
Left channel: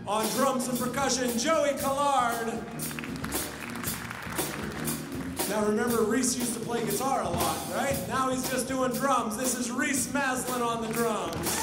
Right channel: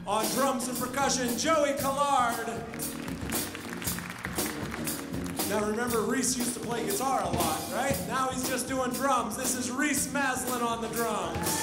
On drums and percussion, Joey Collard. Now remember, Reese used to play guitar a lot, right? Now he's just doing drums. This is Reese Maslin on the drums.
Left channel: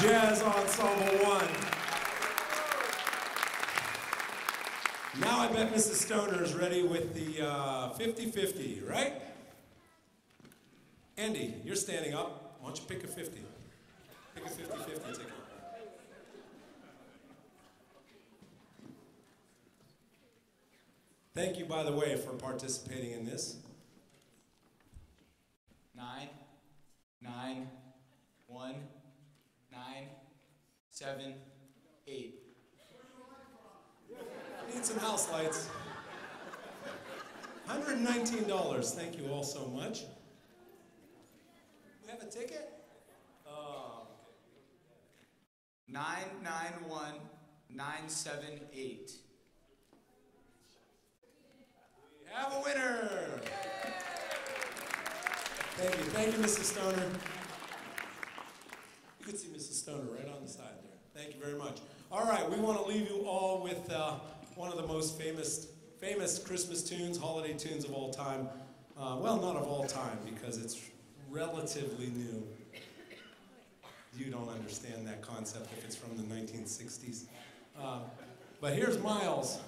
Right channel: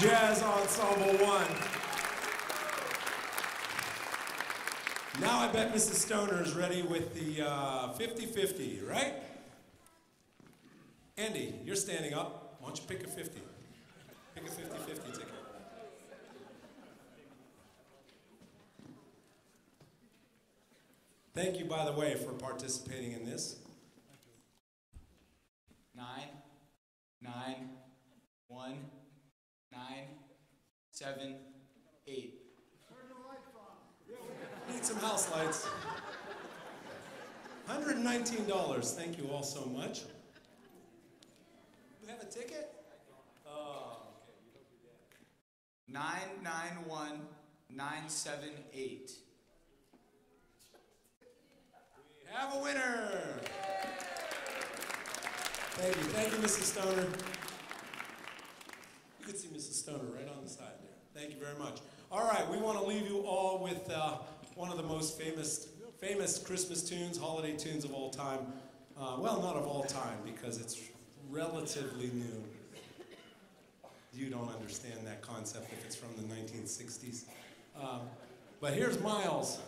Jazz Ensemble 1. Now I bet Mrs. Stoner is ready with the 50-50, right? Andy, you're standing up. Why don't you pick a 50? Pick a 50-50 ticket. Thank you, by the way, for participating in this. 9, 9, 1, 9, 7, 8. Need some house lights. $119. Thank you all so much. We have a ticket? Oh. 991 978. We have a winner. Thank you, Mrs. Stoner. You can see Mrs. Stoner right on the side there. Thank you very much. All right, we want to leave you all with one of the most famous Christmas tunes, holiday tunes of all time. Well, not of all time, because it's relatively new. You don't understand that concept if it's from the 1960s. But here's Miles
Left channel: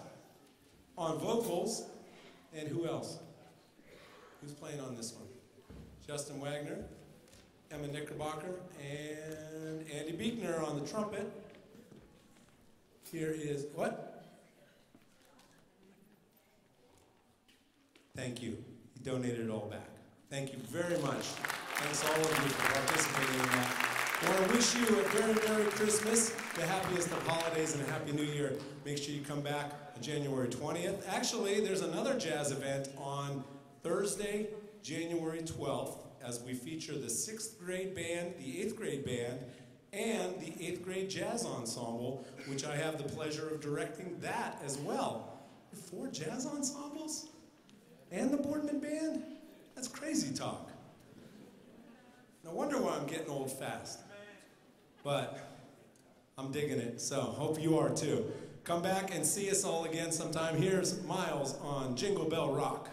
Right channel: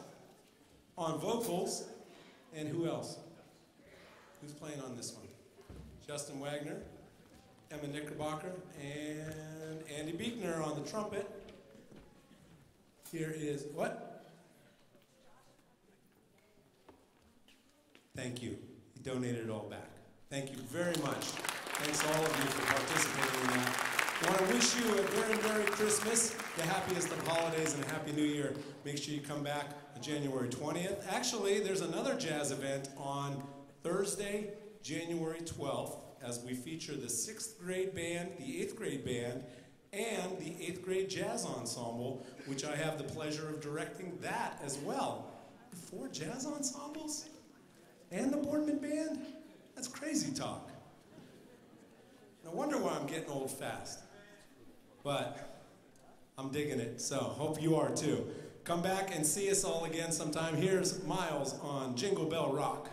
on vocals, and who else? Who's playing on this one? Justin Wagner, Emma Knickerbocker, and Andy Beekner on the trumpet. Here is, what? Thank you. You donated it all back. Thank you very much. Thanks all of you for participating in that. I want to wish you a very Merry Christmas, the happiest of holidays, and a Happy New Year. Make sure you come back on January 20th. Actually, there's another jazz event on Thursday, January 12th, as we feature the 6th grade band, the 8th grade band, and the 8th grade jazz ensemble, which I have the pleasure of directing that as well. 4 jazz ensembles? And the Boardman band? That's crazy talk. No wonder why I'm getting old fast. But I'm digging it, so hope you are too. Come back and see us all again sometime. Here's Miles on Jingle Bell Rock.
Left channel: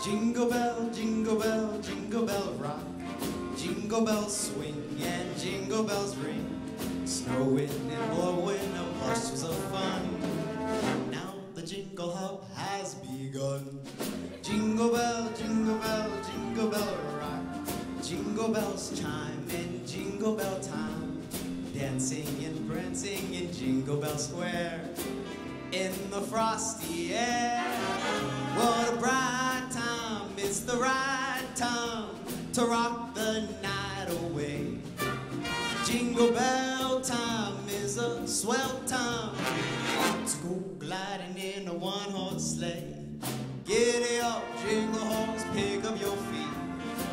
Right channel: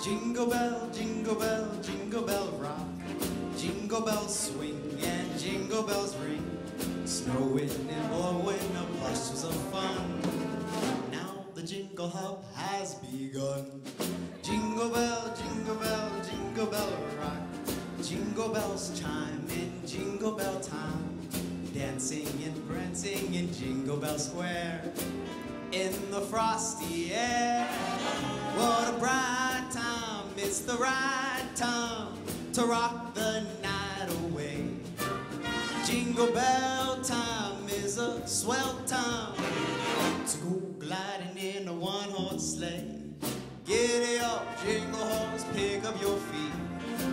Jingle bell, jingle bell, jingle bell rock. Jingle bells swing and jingle bells ring. Snowing and blowing, a bustles of fun. Now the jingle hop has begun. Jingle bell, jingle bell, jingle bell rock. Jingle bells chime in jingle bell time. Dancing and prancing in Jingle Bell Square. In the frosty air. What a bright time, it's the right time to rock the night away. Jingle bell time is a swell time to go gliding in a one-horse sleigh. Giddy up, jingle horse, pick up your feet,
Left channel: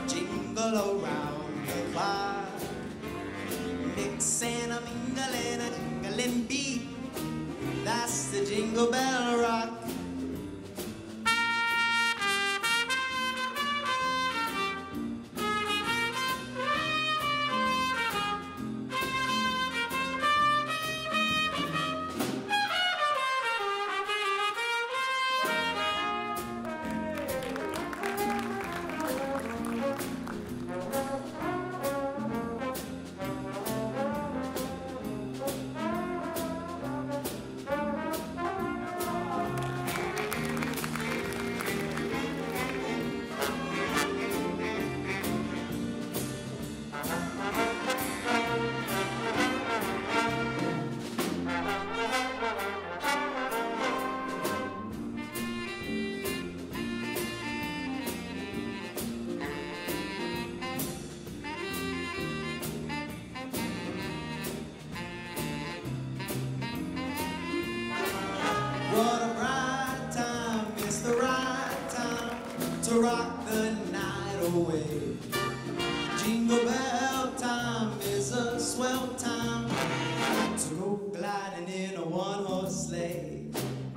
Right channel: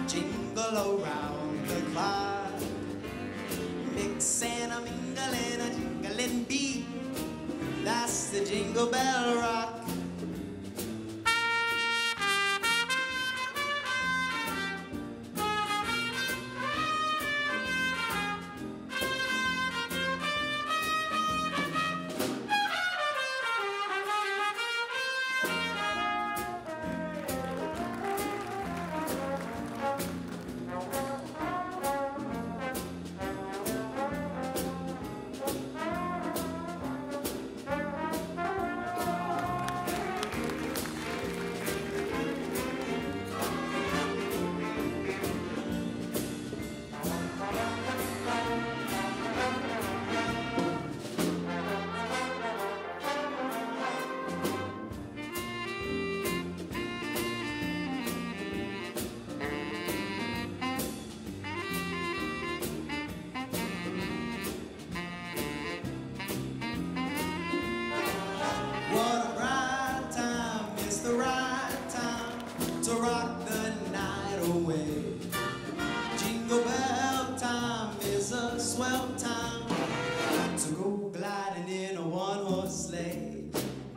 jingle around the clock. Mix and a mingle and a jingling beat, that's the Jingle Bell Rock. swell time to go gliding in a one-horse sleigh.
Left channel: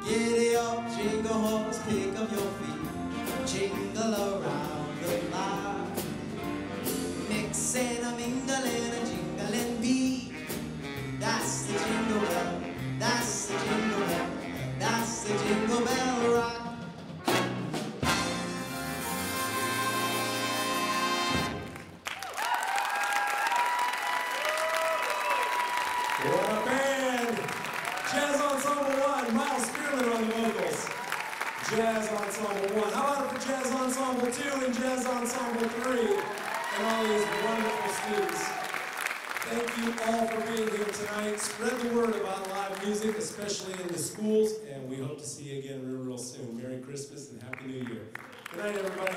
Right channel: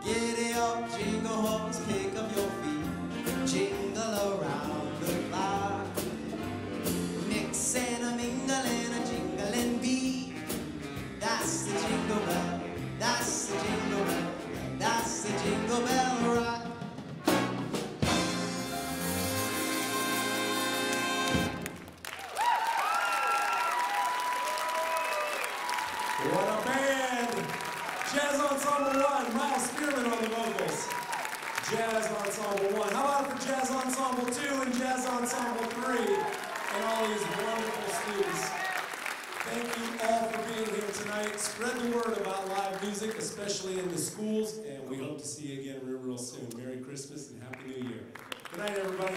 Giddy up, jingle horse, pick up your feet, jingle around the clock. Mix and a mingle and a jingling beat. That's the jingle bell, that's the jingle bell, that's the jingle bell rock. What a band! Jazz Ensemble 1, Miles Spearman on the vocals. Jazz Ensemble 1. How about it for Jazz Ensemble 2 and Jazz Ensemble 3 and all these wonderful students. Thank you all for being here tonight. Spread the word about live music, especially in the schools, and we hope to see you again real soon. Merry Christmas and Happy New Year. Good night, everybody.